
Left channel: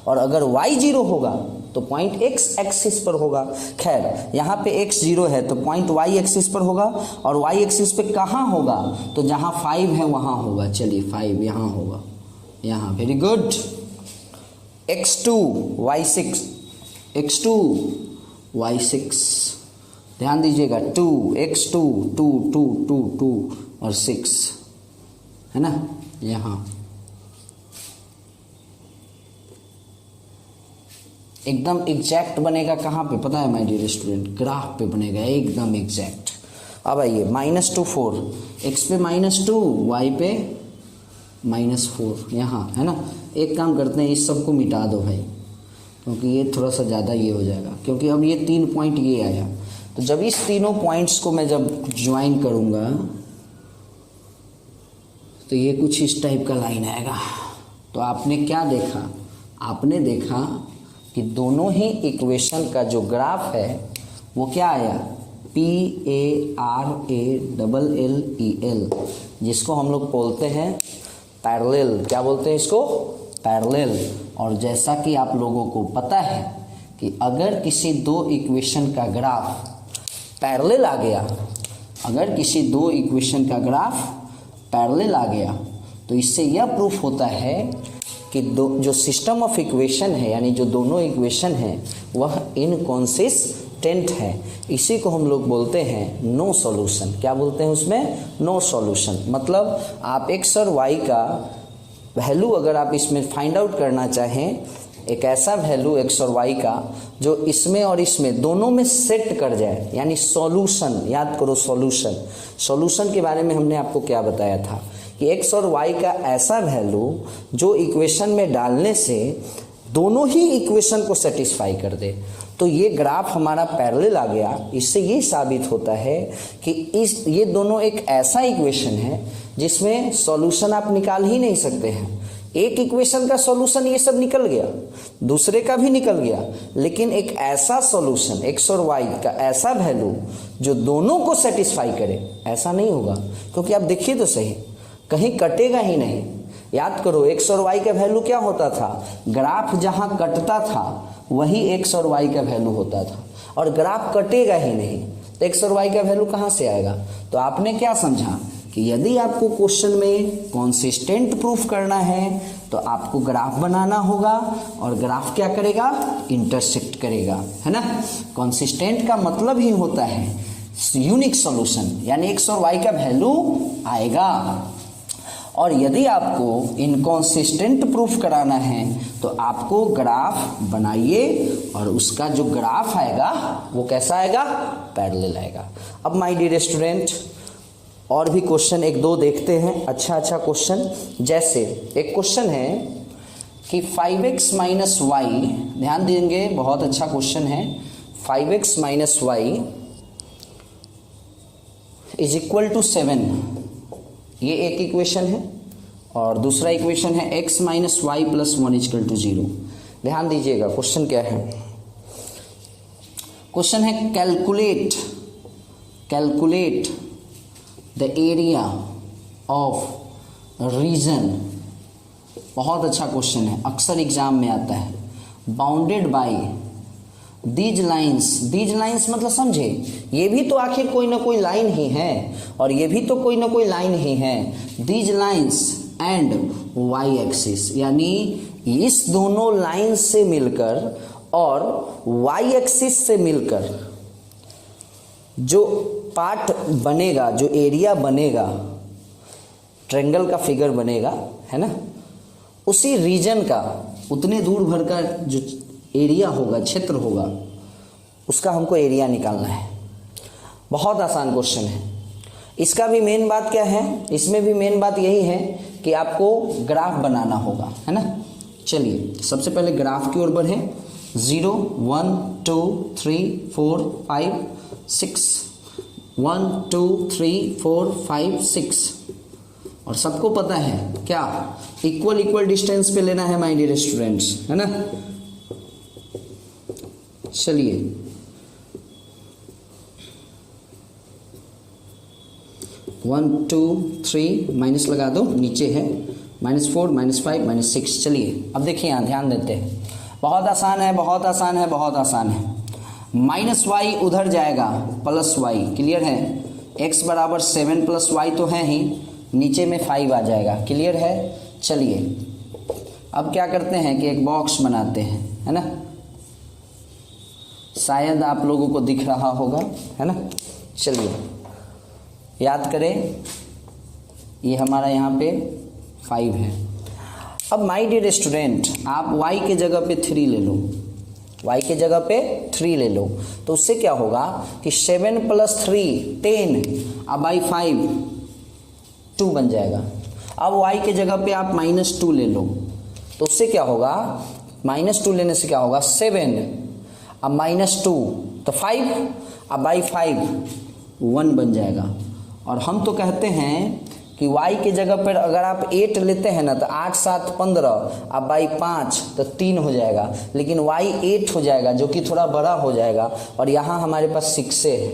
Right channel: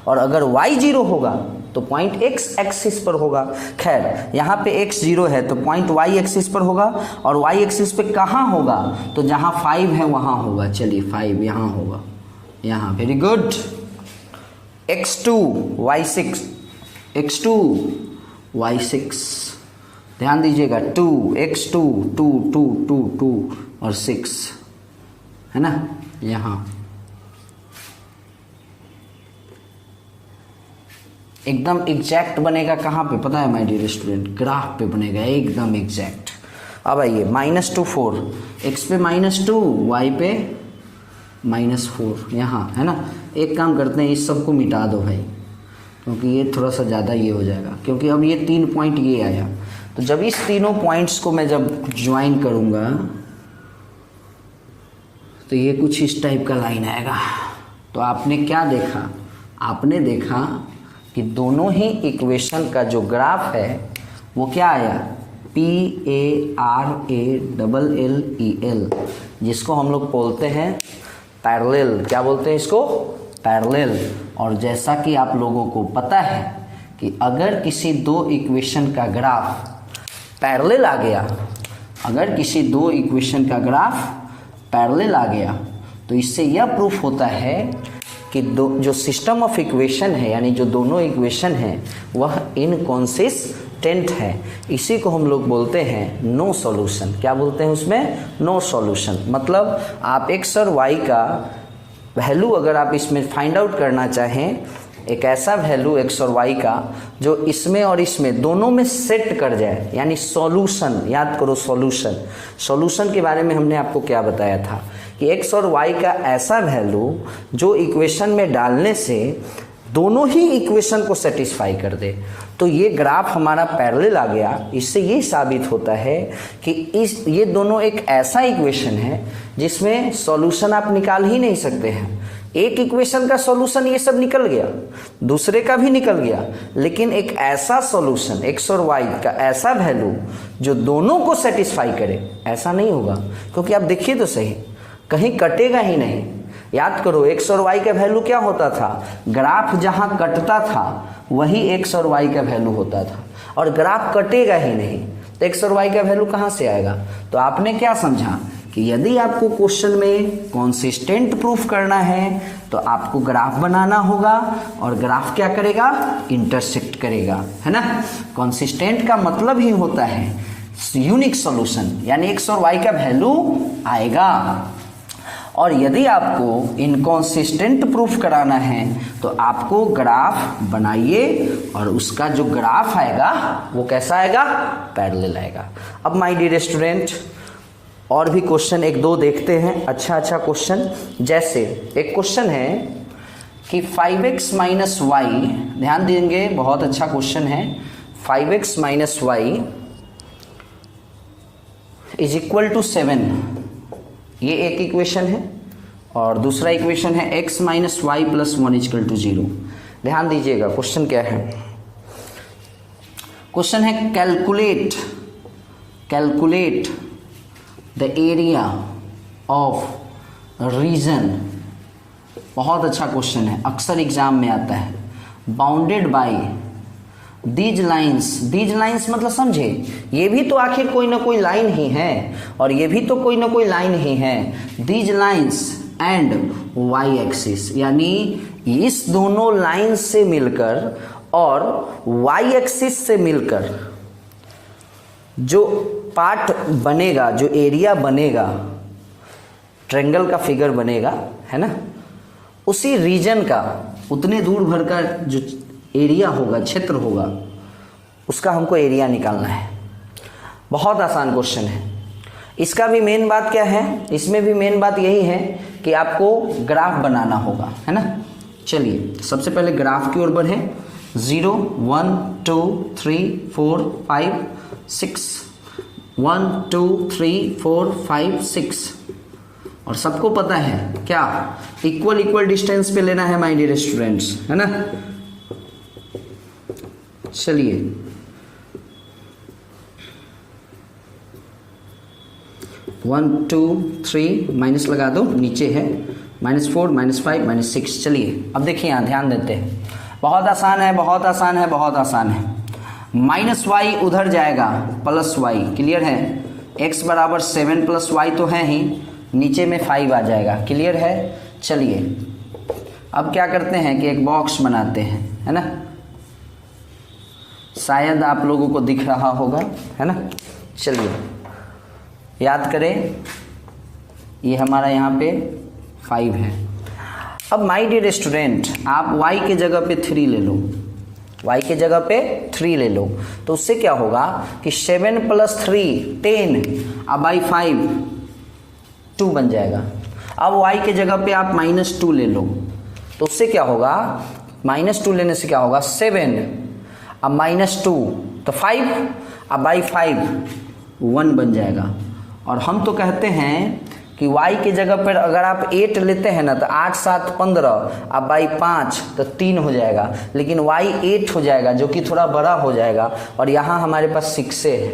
और अगर y 0 होगा तो पॉइंट x एक्सिस पर होगा। खैर यहाँ पे x 0 है तो पॉइंट y एक्सिस पर होगा, और y एक्सिस पे कहाँ होगा, तो जहाँ 5 है वहाँ होगा। चलिए 5 यहाँ होगा, यहाँ। Very good. x2 y6, x2 y6, ध्यान दीजिएगा 2 x2 2 2 2 2 और 6 है ना। यहाँ एकदम एग्जैक्ट बनेगा कहाँ पे पता है माय डियर स्टूडेंट, ग्राफ पे बनेगा एकदम एग्जैक्ट। अब आइए -2 4, x पे -2 y पे -4 यहाँ है ना। एक काम करते हैं, इस सब को मिटा दो भाई, क्योंकि ये थोड़ा सा ज़्यादा ये हो जाएगा, क्योंकि अब ये 3 पॉइंट ये आया। तो जब इस तीनों पॉइंट्स को मैं जब ज्वाइन करूँगा तो ये कुछ इस टाइप का लाइन आएगा। तो आपने क्या देखा, आपने देखा कि दोनों ही इक्वेशन का जो ग्राफ है वो क्या आया, PARALLEL, जिसको हम लोग बोलते हैं पैरेलल। क्या बोलते हैं इसको, पैरेलल। और जैसा कि आप लोगों को पता है कि अगर किसी दो इक्वेशन का ग्राफ पैरेलल आ गया, अगर किसी दो इक्वेशन का ग्राफ पैरेलल आ गया तो इससे यह प्रूफ होता है कि जो सिस्टम ऑफ इक्वेशन है, यानी जो दोनों इक्वेशन है वह इनकॉन्सिस्टेंट है। इसी को हम लोग बोलते हैं नो सॉल्यूशन। क्या बोलते हैं उसमें, नो सॉल्यूशन। मतलब आप x और y का वैल्यू अगर आप इसमें फाइंड आउट करना चाहें, एक ऐसा वैल्यू x और y का जो इसमें और इसमें दोनों में सेट कर जाए, यानी सॉल्यूशन। याद करो सॉल्यूशन, सॉल्यूशन के बारे में हमने आपको क्या बताया था कि x और y का ऐसा वैल्यू जो इक्वेशन में डालने से दोनों ही इक्वेशन को सेटिस्फाई कर दे। तो ये ग्राफ हमारा पैरेलल आ गया। इससे ये साबित होता है कि ये दोनों एक ऐसा इक्वेशन है जिसमें सॉल्यूशन आप निकाल ही नहीं सकते हैं। एक इक्वेशन का सॉल्यूशन ये सब निकल गया, दूसरे का भी निकल गया, लेकिन एक ऐसा सॉल्यूशन x और y का ऐसा वैल्यू जो दोनों को सेटिस्फाई करे, ऐसा नहीं होगा। क्योंकि आप देखिए तो सही, कहीं कटेगा ही नहीं। याद करो x और y का वैल्यू क्या होता था, ग्राफ जहां कटता था वही x और y का वैल्यू होता था, और ग्राफ कटेगा ही नहीं तो x और y का वैल्यू कहां से आएगा। तो आपने क्या समझा कि यदि आपको क्वेश्चन में कंसिस्टेंट प्रूफ करना है तो आपको ग्राफ बनाना होगा, और ग्राफ क्या करेगा, इंटरसेक्ट करेगा, है ना। कंसिस्टेंट का मतलब ही होता है यूनिक सॉल्यूशन, यानी x और y का वैल्यू आएगा। और यदि आपको इनकॉन्सिस्टेंट प्रूफ कराना है तो आपको ग्राफ बनाइए, और उसका जो ग्राफ आएगा वो कैसा आएगा, पैरेलल आएगा। अब माय डियर स्टूडेंट और भी क्वेश्चन एक दो देखते हैं, अच्छा क्वेश्चन। जैसे एक क्वेश्चन है कि 5x माइनस वाई, ध्यान देंगे बहुत अच्छा क्वेश्चन है। 5x minus Y is equal to 7, ये एक इक्वेशन है, और दूसरा इक्वेशन है x minus Y plus 1 equal to 0। ध्यान दीजिएगा क्वेश्चन क्या है, क्वेश्चन है calculate the area of region. बहुत अच्छा क्वेश्चन है, अक्सर एग्जाम में आता है। बाउंडेड बाय दीज लाइन्स मतलब समझे, ये भी तो आखिर कोई ना कोई लाइन ही है, और ये भी तो कोई ना कोई लाइन ही है। These lines and Y axis, यानी इस दोनों लाइन से मिलकर और वाई एक्सिस से मिलकर जो पार्ट बनेगा, जो एरिया बनेगा, ट्रायंगल का फिगर बनेगा, है ना, उसी रीजन का उतने दूर भर का जो एरिया होगा, क्षेत्र होगा, उसका हमको एरिया निकालना है। बहुत आसान क्वेश्चन है। इसका भी मेन बात क्या है, इसमें भी मेन बात यही है कि आपको ग्राफ बनाना होगा, है ना। चलिए सबसे पहले ग्राफ की ओर बढ़े। 0 1 2 3 4 5 6 1 2 3 4 5 6 और सबको पता है क्या, इक्वल इक्वल डिस्टेंस पे लेना है माय डियर स्टूडेंट्स, है ना। चलिए वन टू थ्री माइनस लगा दो, नीचे है -4 -5 -6। चलिए अब देखिए यहाँ ध्यान देते हैं, बहुत आसान है, बहुत आसान है, बहुत आसान है। -y उधर जाएगा +y, क्लियर है। x बराबर 7 + y तो है ही, नीचे में 5 आ जाएगा, क्लियर है। चलिए अब क्या करते हैं कि एक बॉक्स बनाते हैं, है ना। शायद आप लोगों को दिख रहा होगा, है ना। चलिए याद करें, ये हमारा यहाँ पे 5 है। अब माय डियर स्टूडेंट, आप y के जगह पे 3 ले लो, y के जगह पे 3 ले लो, तो उससे क्या होगा कि 7 + 3 10, अब बाई 5 2 बन जाएगा। अब y के जगह पे आप -2 ले लो, तो उससे क्या होगा, -2 लेने से क्या होगा 7, अब -2 तो 5, अब बाई 5 1 बन जाएगा। और हम तो कहते हैं कि y के जगह पर अगर आप 8 लेते हैं ना तो 8 7 15, अब बाई 5 तो 3 हो जाएगा, लेकिन y 8 हो जाएगा जो कि थोड़ा बड़ा हो जाएगा, और यहाँ हमारे पास 6 है।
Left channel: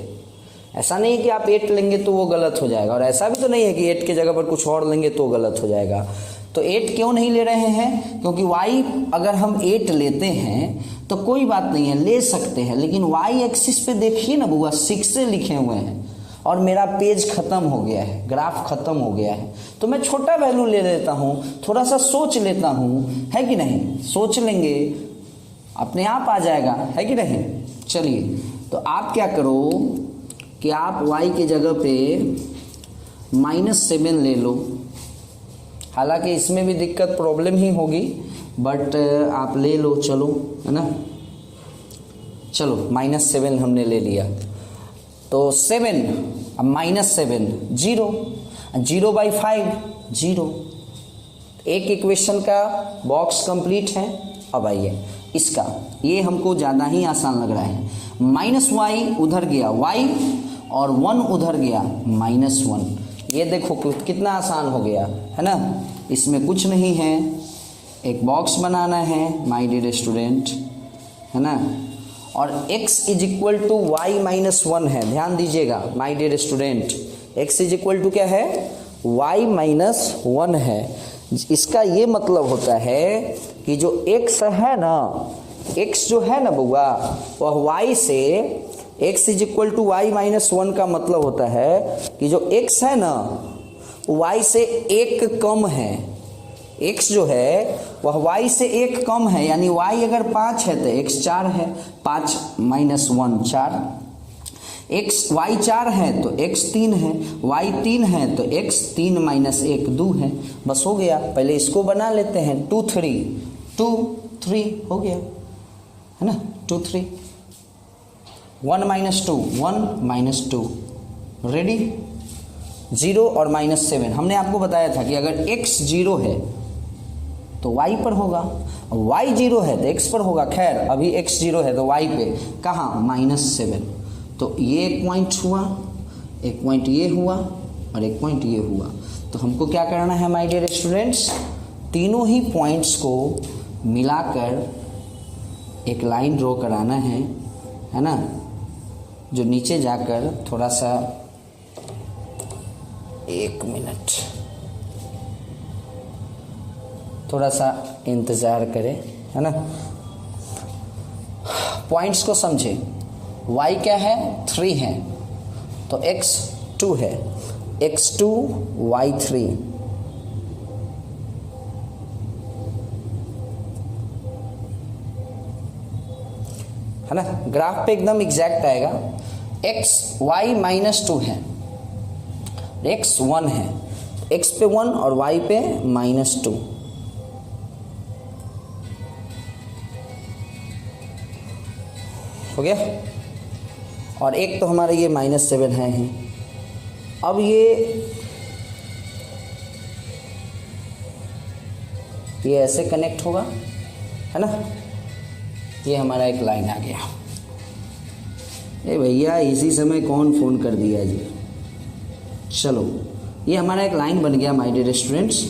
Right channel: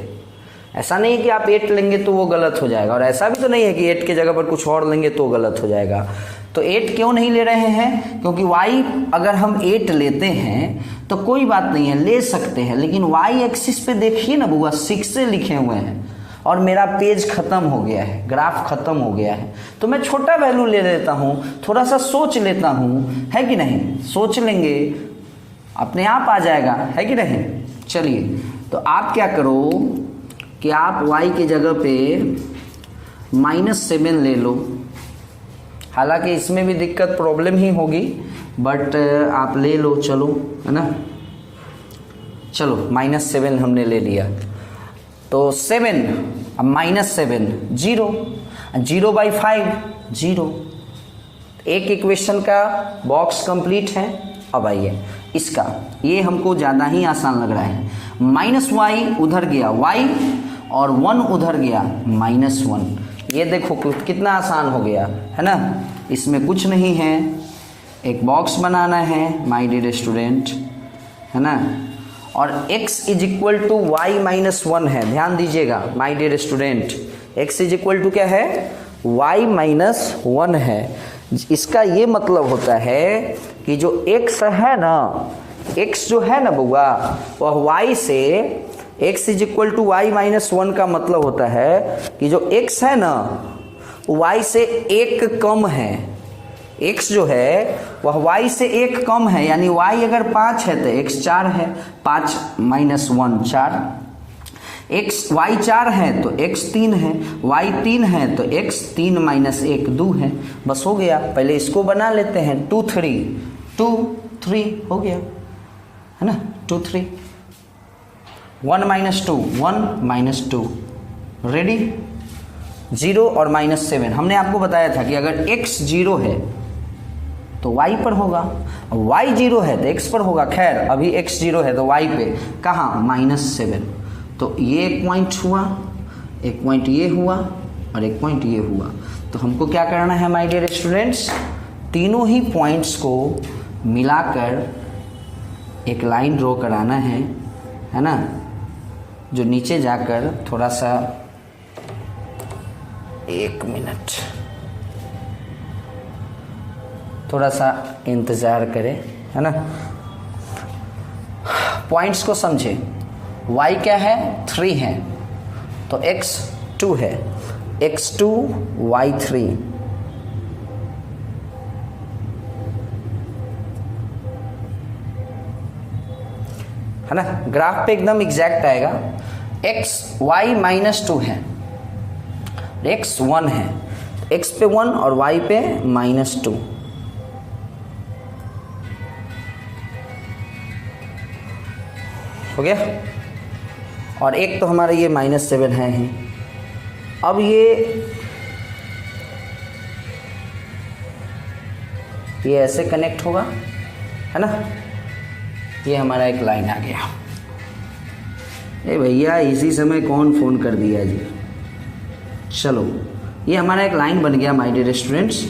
ऐसा नहीं है कि आप 8 लेंगे तो वो गलत हो जाएगा, और ऐसा भी तो नहीं है कि 8 के जगह पर कुछ और लेंगे तो गलत हो जाएगा। तो 8 क्यों नहीं ले रहे हैं, क्योंकि y अगर हम 8 लेते हैं तो कोई बात नहीं है, ले सकते हैं, लेकिन y एक्सिस पे देखिए ना बुआ 6 से लिखे हुए हैं और मेरा पेज खत्म हो गया है, ग्राफ खत्म हो गया है, तो मैं छोटा वैल्यू ले लेता हूँ, थोड़ा सा सोच लेता हूँ, है कि नहीं। सोच लेंगे अपने आप आ जाएगा, है कि नहीं। चलिए तो आप क्या करो कि आप y की जगह पे -7 ले लो, हालांकि इसमें भी दिक्कत प्रॉब्लम ही होगी, बट आप ले लो, चलो, है ना। चलो -7 हमने ले लिया, तो 7 अब -7 0, 0/5 0। एक इक्वेशन का बॉक्स कंप्लीट है। अब आइए इसका, ये हमको ज़्यादा ही आसान लग रहा है। -y उधर गया y, और 1 उधर गया -1। ये देखो कितना आसान हो गया, है ना। इसमें कुछ नहीं है, एक बॉक्स बनाना है माय डियर स्टूडेंट, है ना। और x = y - 1 है, ध्यान दीजिएगा माय डियर स्टूडेंट, x = क्या है, y - 1 है। इसका ये मतलब होता है कि जो x है ना, x जो है ना बुआ, वह y से, x = y - 1 का मतलब होता है कि जो x है ना y से 1 कम है। x जो है वह y से 1 कम है, यानी y अगर 5 है तो x 4 है, 5 - 1 4, y 4 है तो x 3 है, y 3 है तो x 3 - 1 2 है। बस हो गया। पहले इसको बना लेते हैं, 2 3 हो गया, है ना। 2 3 1 - 2 1 - 2 रेडी। 0 और -7 हमने आपको बताया था कि अगर x 0 है तो y पर होगा, y 0 है तो x पर होगा। खैर अभी x 0 है तो y पे कहाँ, -7। तो ये एक पॉइंट हुआ, एक पॉइंट ये हुआ, और एक पॉइंट ये हुआ। तो हमको क्या करना है माय डियर स्टूडेंट्स, तीनों ही पॉइंट्स को मिलाकर एक लाइन ड्रॉ कराना है ना, जो नीचे जाकर थोड़ा सा, 1 मिनट, थोड़ा सा इंतजार करें, है ना। पॉइंट्स को समझें। y क्या है, 3 है, तो x 2 है, x 2 y 3, है ना। ग्राफ पे एकदम एग्जैक्ट आएगा। x y -2 है, x 1 है, x पे 1 और y पे -2। हो गया। और एक तो हमारा ये -7 है ही। अब ये ऐसे कनेक्ट होगा, है ना। ये हमारा एक लाइन आ गया। ए भैया इसी समय कौन फ़ोन कर दिया जी। चलो ये हमारा एक लाइन बन गया माय डियर स्टूडेंट्स,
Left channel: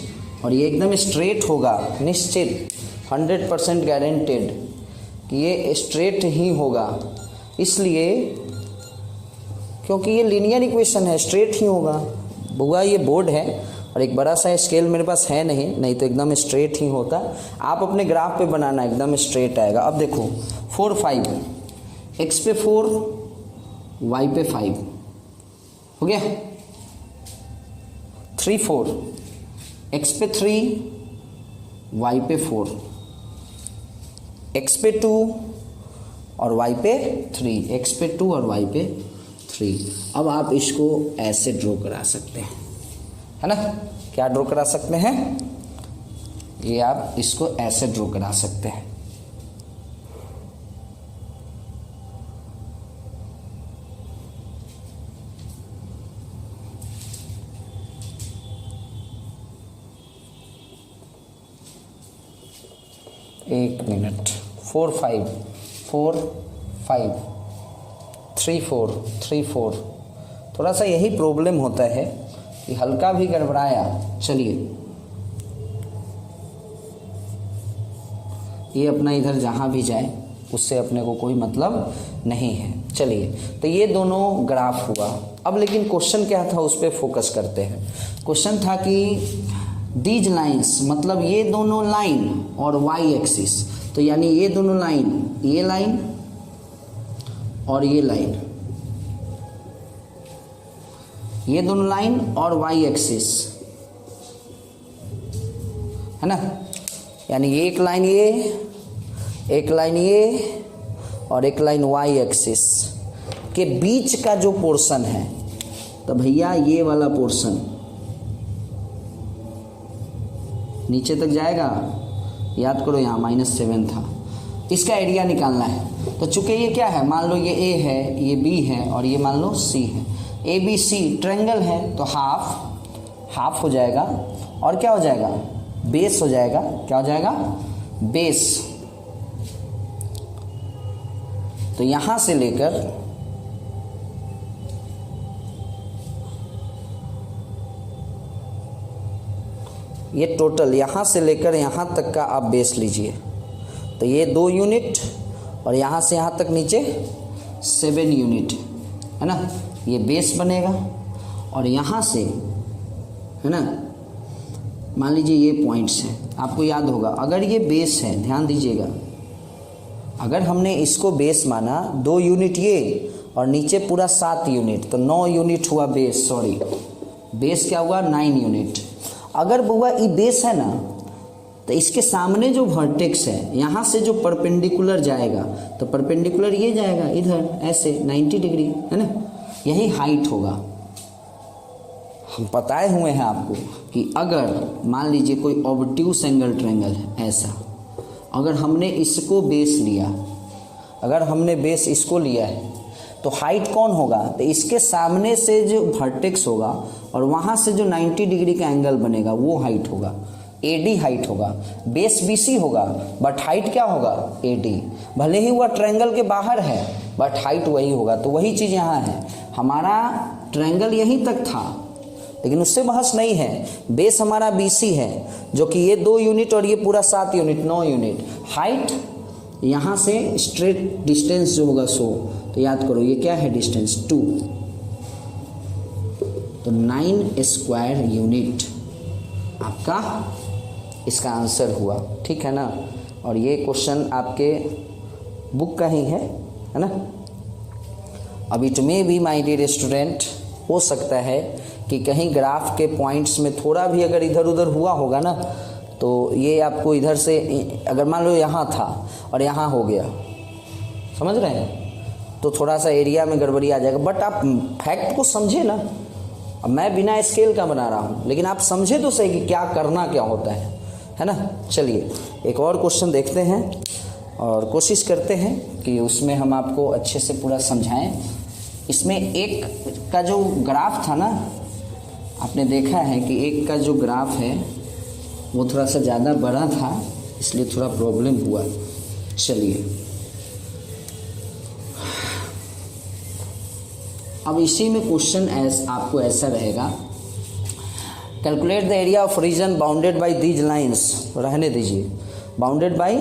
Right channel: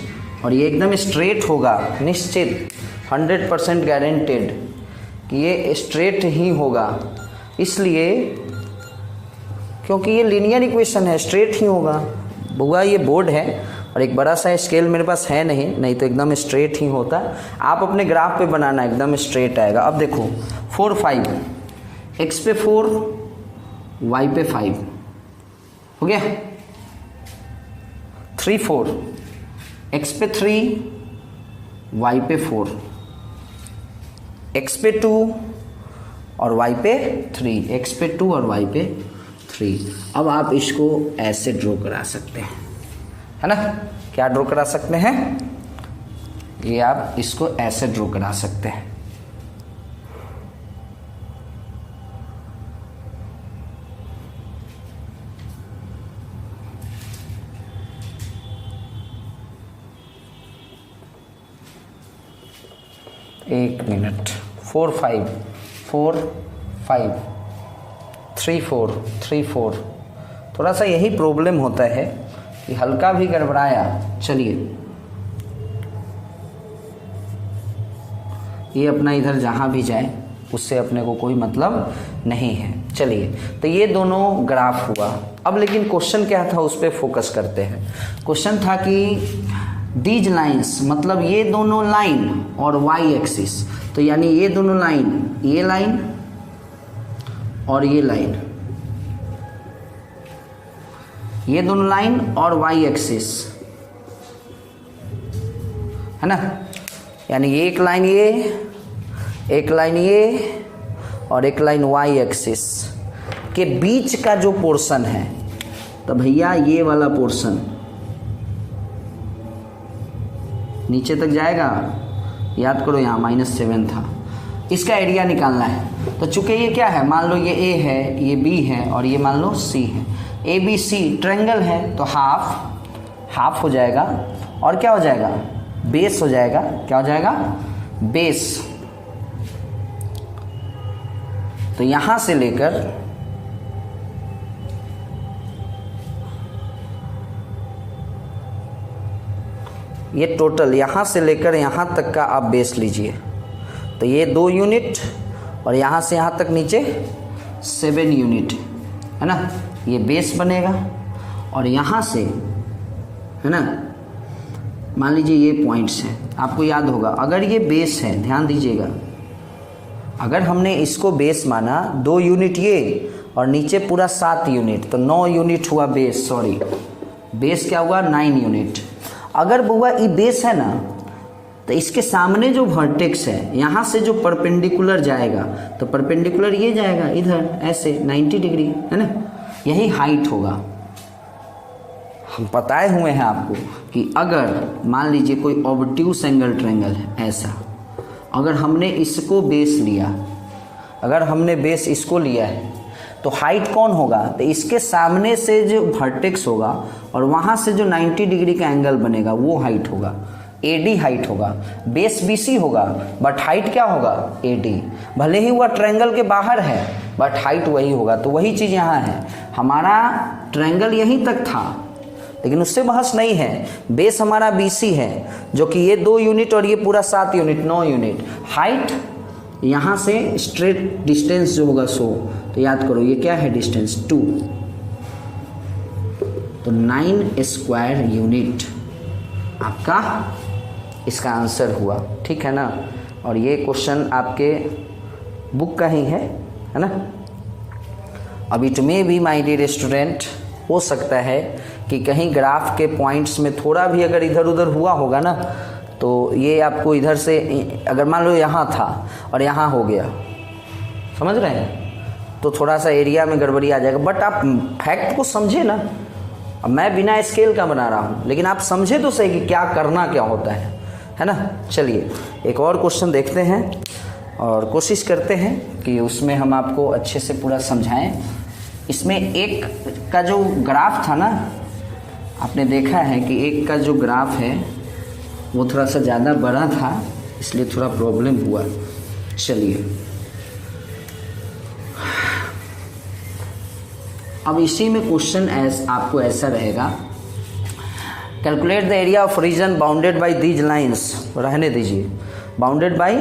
और ये एकदम स्ट्रेट होगा, निश्चित 100% गारंटेड कि ये स्ट्रेट ही होगा, इसलिए क्योंकि ये लीनियर इक्वेशन है, स्ट्रेट ही होगा। बुआ ये बोर्ड है और एक बड़ा सा स्केल मेरे पास है नहीं तो एकदम स्ट्रेट ही होता। आप अपने ग्राफ पे बनाना, एकदम स्ट्रेट आएगा। अब देखो 4 5, x पे 4 y पे 5 हो गया। 3 4, x पे 3 y पे 4, x पे 2 और y पे 3, x पे 2 और y पे 3। अब आप इसको ऐसे ड्रॉ करा सकते हैं, है ना। क्या ड्रॉ करा सकते हैं, ये आप इसको ऐसे ड्रॉ करा सकते हैं। एक मिनट। 4 5 4 5 3 4 3 4। थोड़ा सा यही प्रॉब्लम होता है कि हल्का भी गड़बड़ाया, चलिए ये अपना इधर जहाँ भी जाए उससे अपने को कोई मतलब नहीं है। चलिए तो ये दोनों ग्राफ हुआ। अब लेकिन क्वेश्चन क्या था उस पर फोकस करते हैं। क्वेश्चन था कि दीज लाइन्स, मतलब ये दोनों लाइन और वाई एक्सिस, तो यानी ये दोनों लाइन, ये लाइन और ये लाइन, ये दोनों लाइन और वाई एक्सिस, है ना। यानी एक लाइन ये, एक लाइन ये और एक लाइन वाई एक्सिस के बीच का जो पोर्शन है, तो भैया ये वाला पोर्शन नीचे तक जाएगा। याद करो यहाँ -7 था, इसका एरिया निकालना है। तो चूंकि ये क्या है, मान लो ये ए है, ये बी है और ये मान लो सी है। ए बी सी ट्रायंगल है तो हाफ हो जाएगा और क्या हो जाएगा, बेस हो जाएगा। क्या हो जाएगा, बेस। तो यहां से लेकर ये टोटल यहां से लेकर यहां तक का आप बेस लीजिए। तो ये 2 यूनिट और यहां से यहां तक नीचे 7 यूनिट, है ना। ये बेस बनेगा और यहां से, है ना, मान लीजिए ये पॉइंट्स हैं। आपको याद होगा अगर ये बेस है, ध्यान दीजिएगा, अगर हमने इसको बेस माना 2 यूनिट ये और नीचे पूरा 7 यूनिट, तो 9 यूनिट हुआ बेस। सॉरी, बेस क्या हुआ, 9 यूनिट। अगर बुआ ये बेस है ना, तो इसके सामने जो वर्टेक्स है, यहाँ से जो परपेंडिकुलर जाएगा, तो परपेंडिकुलर ये जाएगा इधर ऐसे 90 डिग्री, है ना। यही हाइट होगा। हम बताए हुए हैं आपको कि अगर मान लीजिए कोई ऑब्ट्यूस एंगल ट्रायंगल है ऐसा, अगर हमने इसको बेस लिया, अगर हमने बेस इसको लिया है, तो हाइट कौन होगा, तो इसके सामने से जो वर्टेक्स होगा और वहां से जो 90 डिग्री का एंगल बनेगा वो हाइट होगा, एडी हाइट होगा। बेस बीसी होगा बट हाइट क्या होगा, एडी। भले ही वह ट्रायंगल के बाहर है बट हाइट वही होगा। तो वही चीज यहाँ है, हमारा ट्रायंगल यहीं तक था लेकिन उससे बहस नहीं है। बेस हमारा बीसी है जो कि ये 2 यूनिट और ये पूरा 7 यूनिट, 9 यूनिट। हाइट यहाँ से स्ट्रेट डिस्टेंस जो होगा 100, तो याद करो ये क्या है, डिस्टेंस 2, तो 9 स्क्वायर यूनिट आपका इसका आंसर हुआ। ठीक है ना। और ये क्वेश्चन आपके बुक का ही है ना। अब it may be my dear student, हो सकता है कि कहीं ग्राफ के पॉइंट्स में थोड़ा भी अगर इधर उधर हुआ होगा ना, तो ये आपको इधर से, अगर मान लो यहाँ था और यहाँ हो गया, समझ रहे हैं, तो थोड़ा सा एरिया में गड़बड़ी आ जाएगा। बट आप फैक्ट को समझे ना। अब मैं बिना स्केल का बना रहा हूँ लेकिन आप समझे तो सही कि क्या करना क्या होता है ना। चलिए एक और क्वेश्चन देखते हैं और कोशिश करते हैं कि उसमें हम आपको अच्छे से पूरा समझाएं। इसमें एक का जो ग्राफ था ना, आपने देखा है कि एक का जो ग्राफ है वो थोड़ा सा ज़्यादा बड़ा था, इसलिए थोड़ा प्रॉब्लम हुआ। चलिए अब इसी में क्वेश्चन आपको ऐसा रहेगा, calculate the area of reason bounded by these lines, रहने दीजिए, बाउंडेड बाय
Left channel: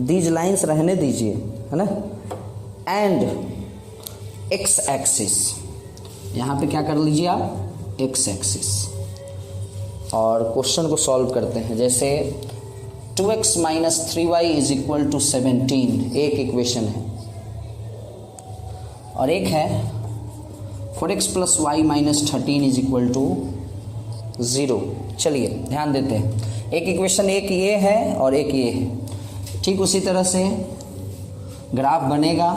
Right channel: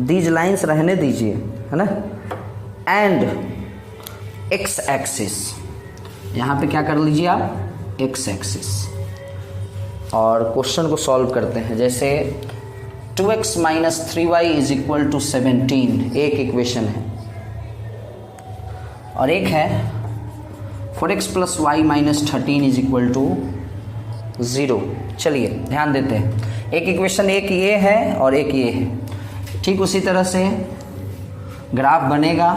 दीज लाइंस रहने दीजिए, है ना, एंड एक्स एक्सिस, यहाँ पे क्या कर लीजिए आप, एक्स एक्सिस, और क्वेश्चन को सॉल्व करते हैं। जैसे 2x minus 3y is equal to 17, एक इक्वेशन है, और एक है 4x plus Y minus 13 is equal to 0। चलिए ध्यान देते हैं, एक इक्वेशन एक ये है और एक ये है, ठीक उसी तरह से ग्राफ बनेगा।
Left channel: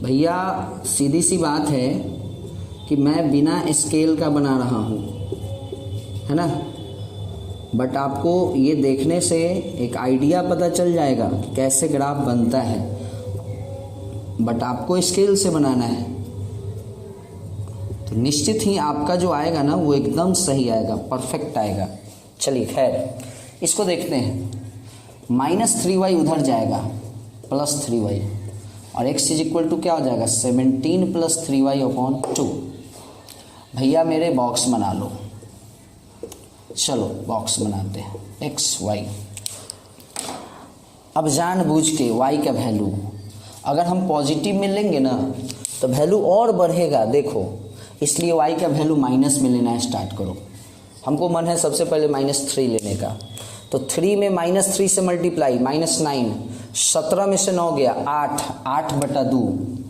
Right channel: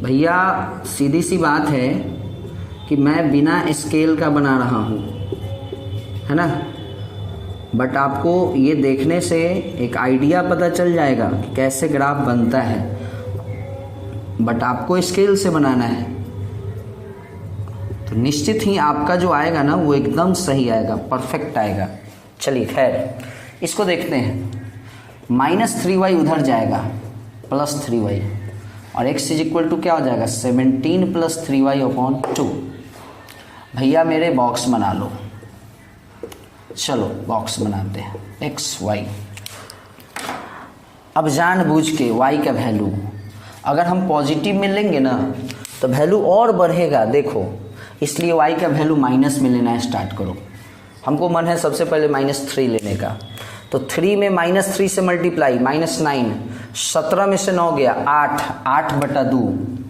भैया सीधी सी बात है कि मैं बिना स्केल का बना रहा हूँ, है ना, बट आपको ये देखने से एक आइडिया पता चल जाएगा कि कैसे ग्राफ बनता है, बट आपको स्केल से बनाना है, तो निश्चित ही आपका जो आएगा ना वो एकदम सही आएगा, परफेक्ट आएगा। चलिए खैर इसको देखते हैं, माइनस 3y उधर जाएगा, प्लस 3y, और x इज इक्वल टू क्या हो जाएगा, 17 प्लस 3y अपॉन 2। भैया मेरे बॉक्स बना लो, चलो बॉक्स बनाते हैं, x y। अब जानबूझ के y का वैल्यू अगर हम पॉजिटिव में लेंगे ना तो वैल्यू और बढ़ेगा, देखो, इसलिए y का वैल्यू माइनस में लेना स्टार्ट करो। हमको मन है सबसे पहले -3 लेने का, तो 3 में -3 से मल्टीप्लाई, -9, 17 में से 9 गया 8, 8/2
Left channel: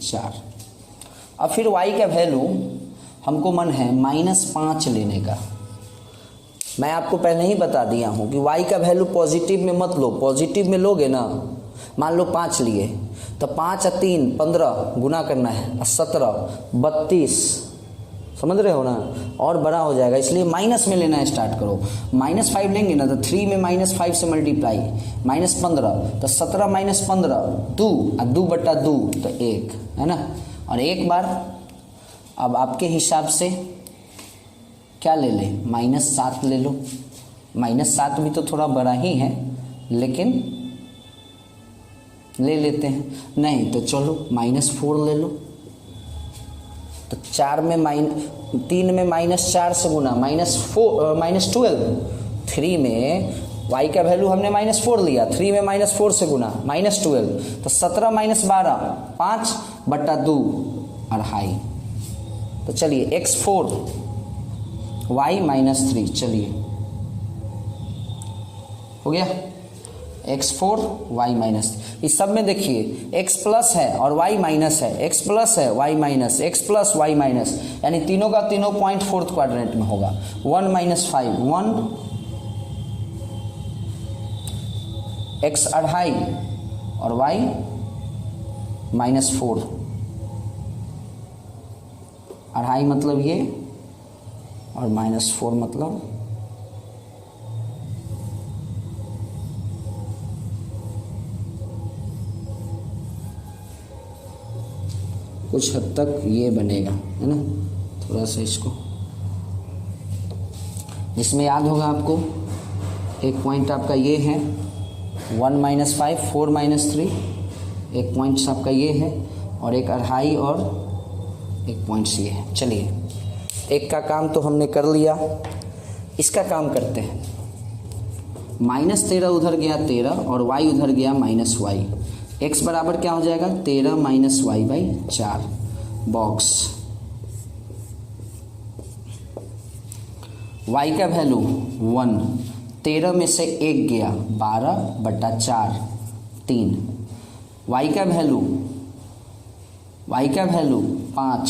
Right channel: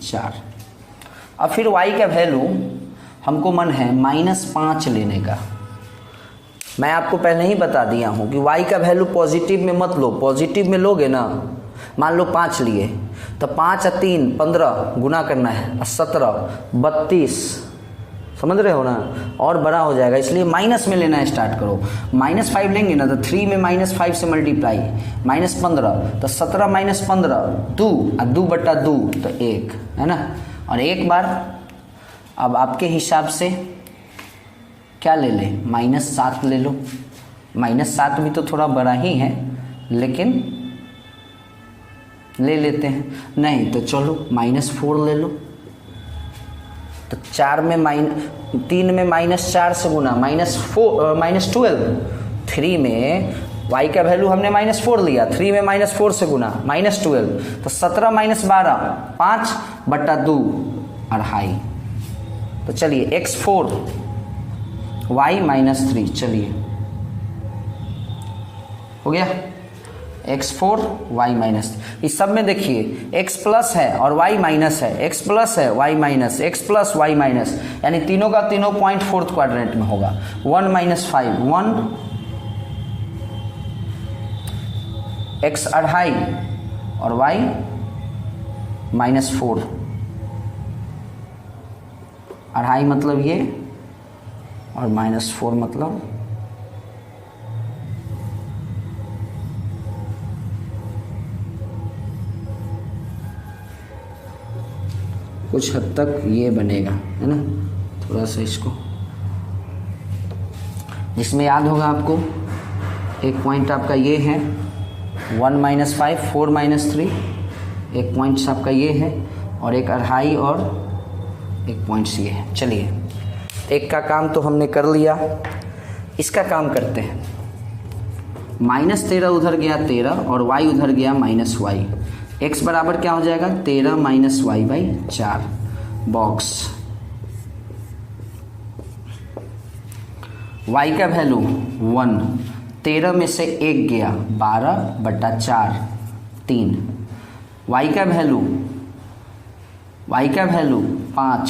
4। अब फिर y का वैल्यू हमको मन है -5 लेने का। मैं आपको पहले ही बता दिया हूँ कि y का वैल्यू पॉजिटिव में मत लो, पॉजिटिव में लोगे ना, मान लो 5 लिए तो 5 और 3 15 गुना करना है, 17 32, समझ रहे हो ना, और बड़ा हो जाएगा, इसलिए माइनस में लेना स्टार्ट करो। -5 लेंगे ना तो 3 में -5 से मल्टीप्लाई, -15 तो 17 -15 2 और 2/2 तो 1, है ना, और एक बार अब आपके हिसाब से क्या ले ले, -7 ले लो। -7 भी तो थोड़ा बड़ा ही है, लेकिन ले लेते हैं, नहीं तो चलो -4 ले लो। तो 3 में -4 से गुना, -12, 3 में y का वैल्यू हमने -4 लिया, 3 में -4 से गुना, -12 तो 17 -12 5/2 2.5। तो चलिए x4 y -3, चलिए हो गया, x4 y माइनस, इस सब में देखिए x प्लस है और y माइनस है, x प्लस है y minus, x plus y minus, यानी तीनों का तीनों पॉइंट 4th क्वाड्रेंट में होगा। 1 - 5 1, x 2.5 और y -4, 2.5 मतलब ये और -4 मतलब कुछ हद तक ये बनेगा, है ना, थोड़ा सा इसको, जिसमें याद होगा आपको एक पॉइंट आपका ये है 1 - 5 4 - 3, एक पॉइंट आपका ये है और एक 2.5 और एक पॉइंट ये है। चलिए एक का काम तो हमने कर लिया, इसका काम करते हैं। -13 उधर गया 13 और y उधर गया -y, x बराबर क्या हो जाएगा, 13 - y/4, बॉक्स। y का वैल्यू 1, 13 में से 1 गया 12/4 3, y का वैल्यू 5,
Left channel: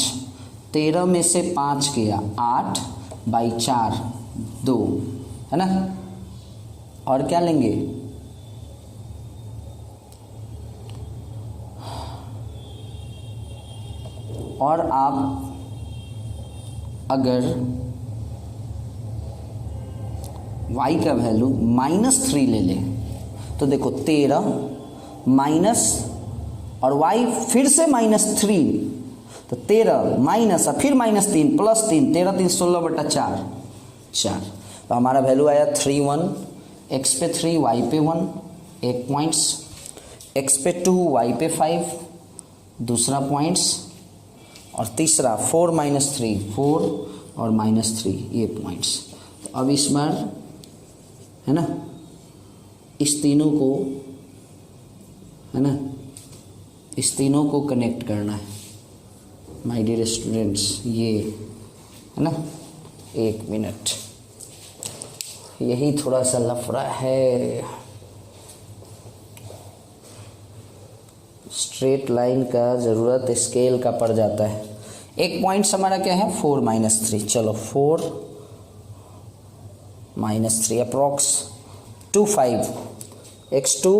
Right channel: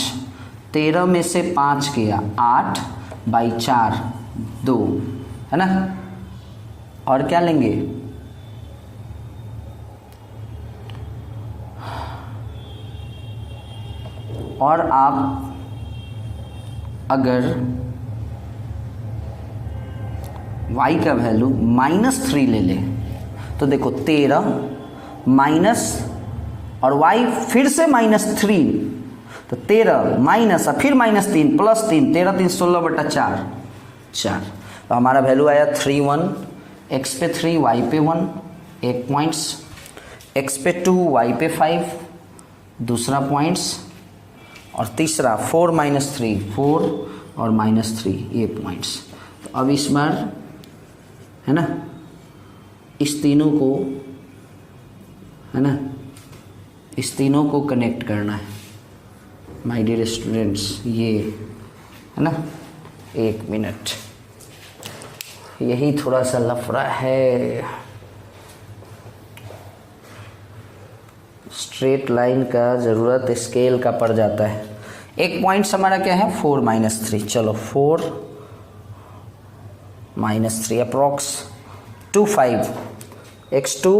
13 में से 5 गया 8/4 2, है ना, और क्या लेंगे, और आप अगर y का वैल्यू -3 ले लें तो देखो 13 माइनस और y फिर से -3, तो 13 माइनस और फिर -3 प्लस 3, 13 3 16/4 4, तो हमारा वैल्यू आया 3 1, x पे 3 y पे 1, 1 पॉइंट्स। x पे 2 y पे 5, दूसरा पॉइंट्स, और तीसरा 4 - 3, 4 और -3 ये पॉइंट्स। तो अब इस बार है ना इस तीनों को है ना इस तीनों को कनेक्ट करना है माय डियर स्टूडेंट्स। ये है ना 1 मिनट, यही थोड़ा सा लफड़ा है। स्ट्रेट लाइन का ज़रूरत स्केल का पड़ जाता है। एक पॉइंट्स हमारा क्या है 4 - 3, चलो 4 - 3 अप्रॉक्स 2 5, x2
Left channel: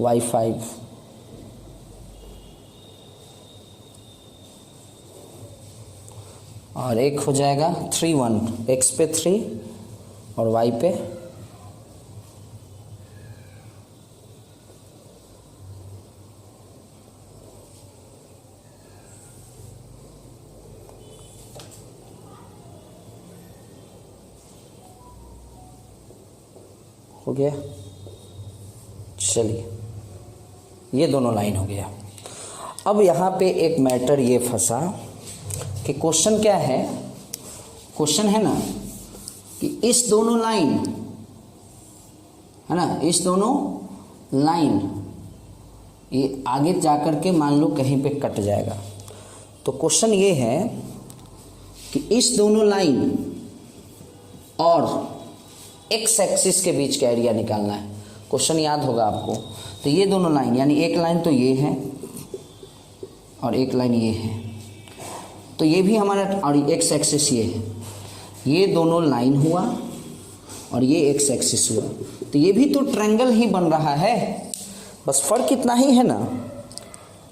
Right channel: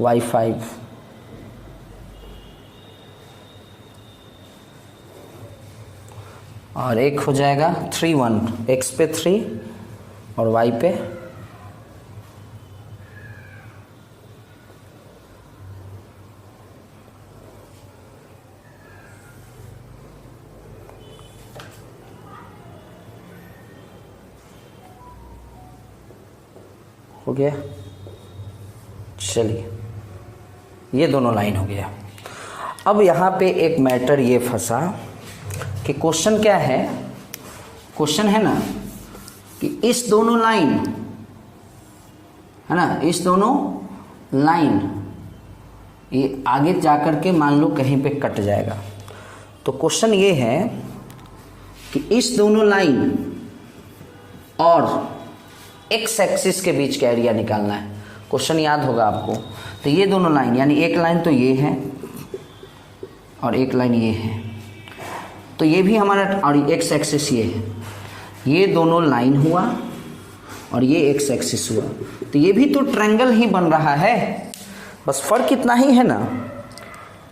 y5, और एक हो जाएगा 3 1, x पे 3 और y पे हो गया। चलिए ये दोनों लाइन हो गया। अब यहाँ पे एक मैटर ये फंसा कि क्वेश्चन क्या है, क्वेश्चन है ना कि इस दोनों लाइन है ना, इस दोनों लाइन ये आगे जाकर के मान लो कहीं पे कट जाएगा। तो क्वेश्चन ये है कि इस दोनों लाइन और एक्स एक्सिस के बीच का एरिया निकालना है। क्वेश्चन याद होगा आपको। तो ये दोनों लाइन यानी एक लाइन तो ये है और एक लाइन ये है, तो ये भी हमारा, और एक्स एक्सिस ये है, ये दोनों लाइन हुआ और ये एक्स एक्सिस हुआ, तो ये भी तो ट्रायंगल ही बन रहा है। बस फर्क इतना ही है ना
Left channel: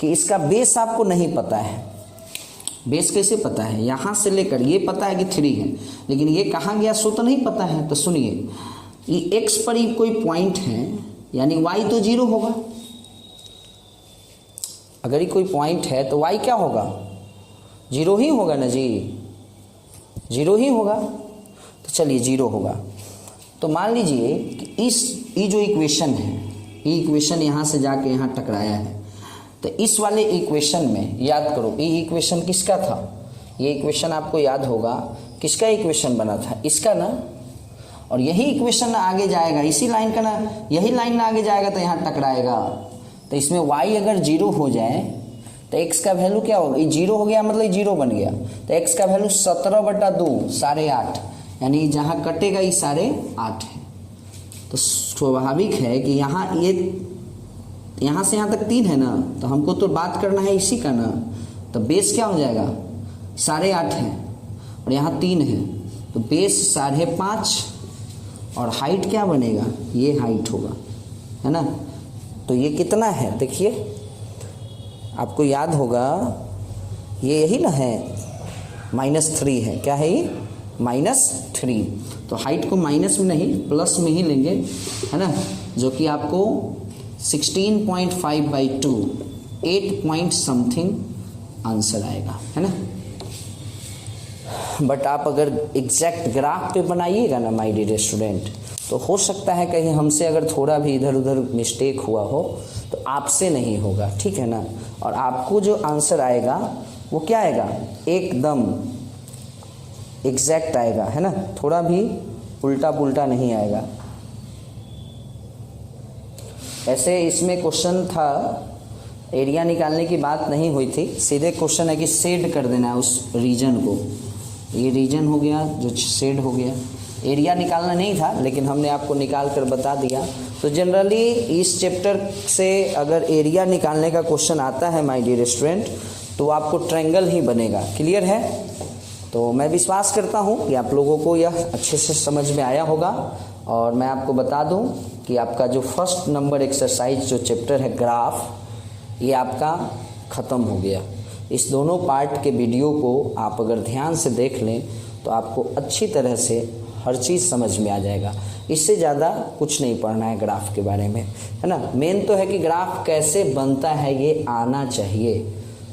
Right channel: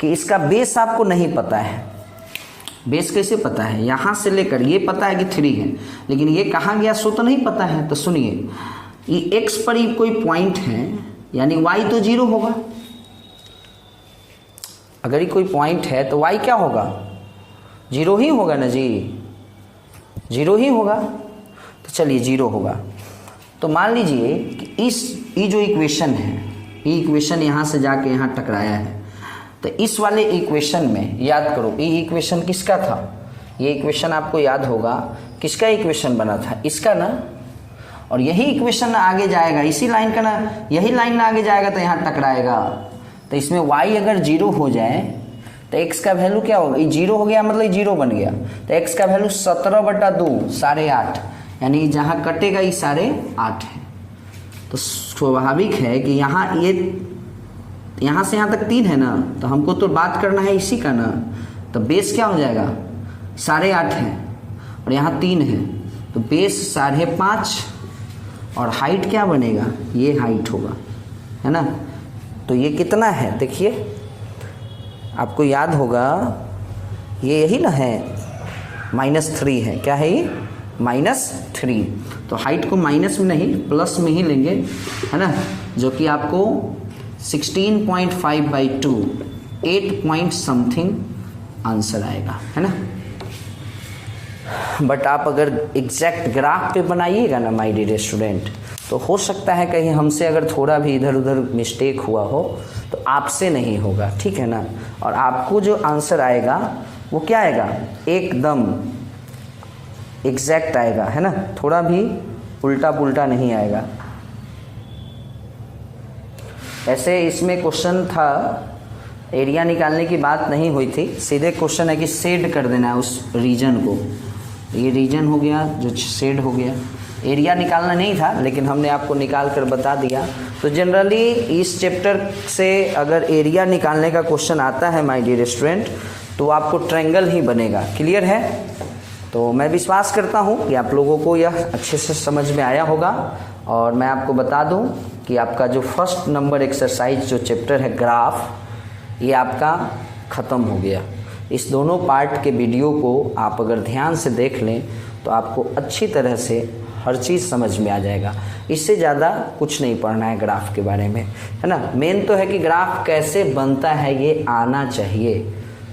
कि इसका बेस आपको नहीं पता है। बेस कैसे पता है, यहाँ से लेकर ये पता है कि 3 है, लेकिन ये कहाँ गया सो तो नहीं पता है। तो सुनिए, ये x पर ही कोई पॉइंट है यानी y तो 0 होगा। अगर ये कोई पॉइंट है तो y क्या होगा, 0 ही होगा ना जी, 0 ही होगा। तो चलिए 0 होगा। तो मान लीजिए कि ये जो इक्वेशन है, ये इक्वेशन यहाँ से जाके यहाँ टकराया है, तो इस वाले इक्वेशन में याद करो, ये इक्वेशन किसका था, ये इक्वेशन आपको याद होगा किसका इक्वेशन बना था, इसका ना। और यही इक्वेशन आगे जाएगा इसी लाइन का ना, यही लाइन आगे जाएगा तो यहाँ टकराएगा। तो इसमें y अगर 0 हो जाए तो x का वैल्यू क्या होगा, ये 0 हो गया मतलब 0 बन गया, तो x का वैल्यू 17/2 8.5, यानी जहाँ कटेगा ये 8.5 है। तो स्वाभाविक है कि यहाँ ये यहाँ से यहाँ तक 3 है ना, तो हमको तो बात करना है इसी का ना। तो बेस क्या हो जाएगा 8.5 है और यहाँ 3 है, तो बेस 5.5 और हाइट क्या बनेगा, ये हाइट होगा, है ना। तो ये कितना है देखिए, आपको याद होगा ये यही ना है, -3 है। क्या है ये -3। तो हाइट को माइनस में नहीं प्लस में ही लेंगे, है ना, जो कि आपको 16.5/2 8 पॉइंट समथिंग आंसर आएगा, है ना। बट आप अगर एग्जैक्ट ग्राफ पे बनाइएगा ना माय डियर स्टूडेंट, तो हो सकता है कहीं हमसे अगर थोड़ा भी इधर उधर मिस्टेक हुआ हो तो आपसे नहीं होगा, ठीक है ना। और आपको जो आंसर आएगा वो क्या आएगा, एकदम एग्जैक्ट आएगा, है ना, थोड़ा भी उल्टा पुल्टा नहीं आएगा। ऐसे इसमें क्वेश्चन था, एरिया निकालने की बात नहीं हुई थी, सीधे क्वेश्चन है कि शेड कर देना है उस रीजन को। ये रीजन हो गया जो शेड हो गया, एरिया निकालना नहीं था लेकिन हमने आपको निकाल कर बता दिया। तो जनरली इस चैप्टर से अगर एरिया निकालने का क्वेश्चन आता है माय डियर स्टूडेंट, तो आपको ट्रायंगल ही बनेगा। क्लियर है। तो मैं विश्वास करता हूँ कि आप लोगों को यह अच्छे से समझ में आया होगा। और मैं आपको बता दूं कि आपका जो फर्स्ट नंबर एक्सरसाइज जो चैप्टर है ग्राफ, ये आपका ख़त्म हो गया। इस दोनों पार्ट के वीडियो को आप अगर ध्यान से देख लें तो आपको अच्छी तरह से हर चीज़ समझ में आ जाएगा। इससे ज़्यादा कुछ नहीं पढ़ना है ग्राफ के बारे में, है ना। मेन तो है कि ग्राफ कैसे बनता है ये आना चाहिए,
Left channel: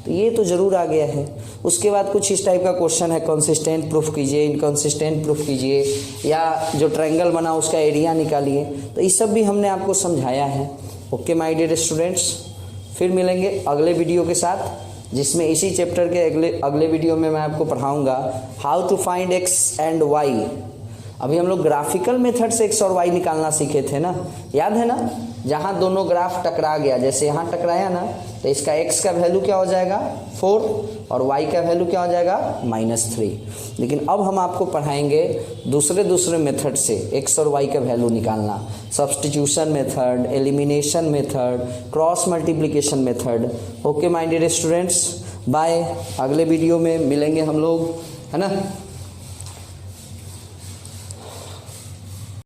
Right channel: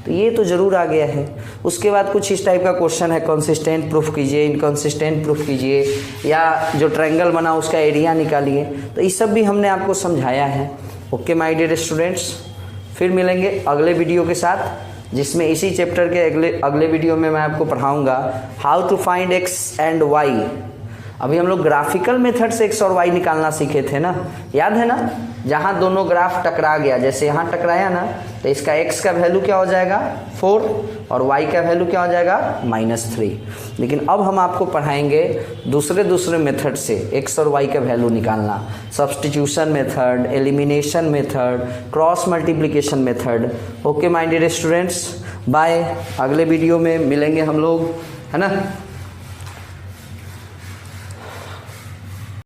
तो ये तो ज़रूर आ गया है। उसके बाद कुछ इस टाइप का क्वेश्चन है, कंसिस्टेंट प्रूफ कीजिए, इनकंसिस्टेंट प्रूफ कीजिए, या जो ट्रायंगल बना उसका एरिया निकालिए। तो ये सब भी हमने आपको समझाया है। ओके माय डियर स्टूडेंट्स, फिर मिलेंगे अगले वीडियो के साथ, जिसमें इसी चैप्टर के अगले वीडियो में मैं आपको पढ़ाऊंगा how to find X and Y. अभी हम लोग ग्राफिकल मेथड से एक्स और वाई निकालना सीखे थे ना, याद है ना, जहां दोनों ग्राफ टकरा गया, जैसे यहाँ टकराया ना, तो इसका एक्स का वैल्यू क्या हो जाएगा 4 और वाई का वैल्यू क्या हो जाएगा -3। लेकिन अब हम आपको पढ़ाएंगे दूसरे मेथड से एक्स और वाई का वैल्यू निकालना, substitution method, elimination method, cross multiplication method. Okay my dear students, bye, अगले वीडियो में मिलेंगे हम लोग, है ना।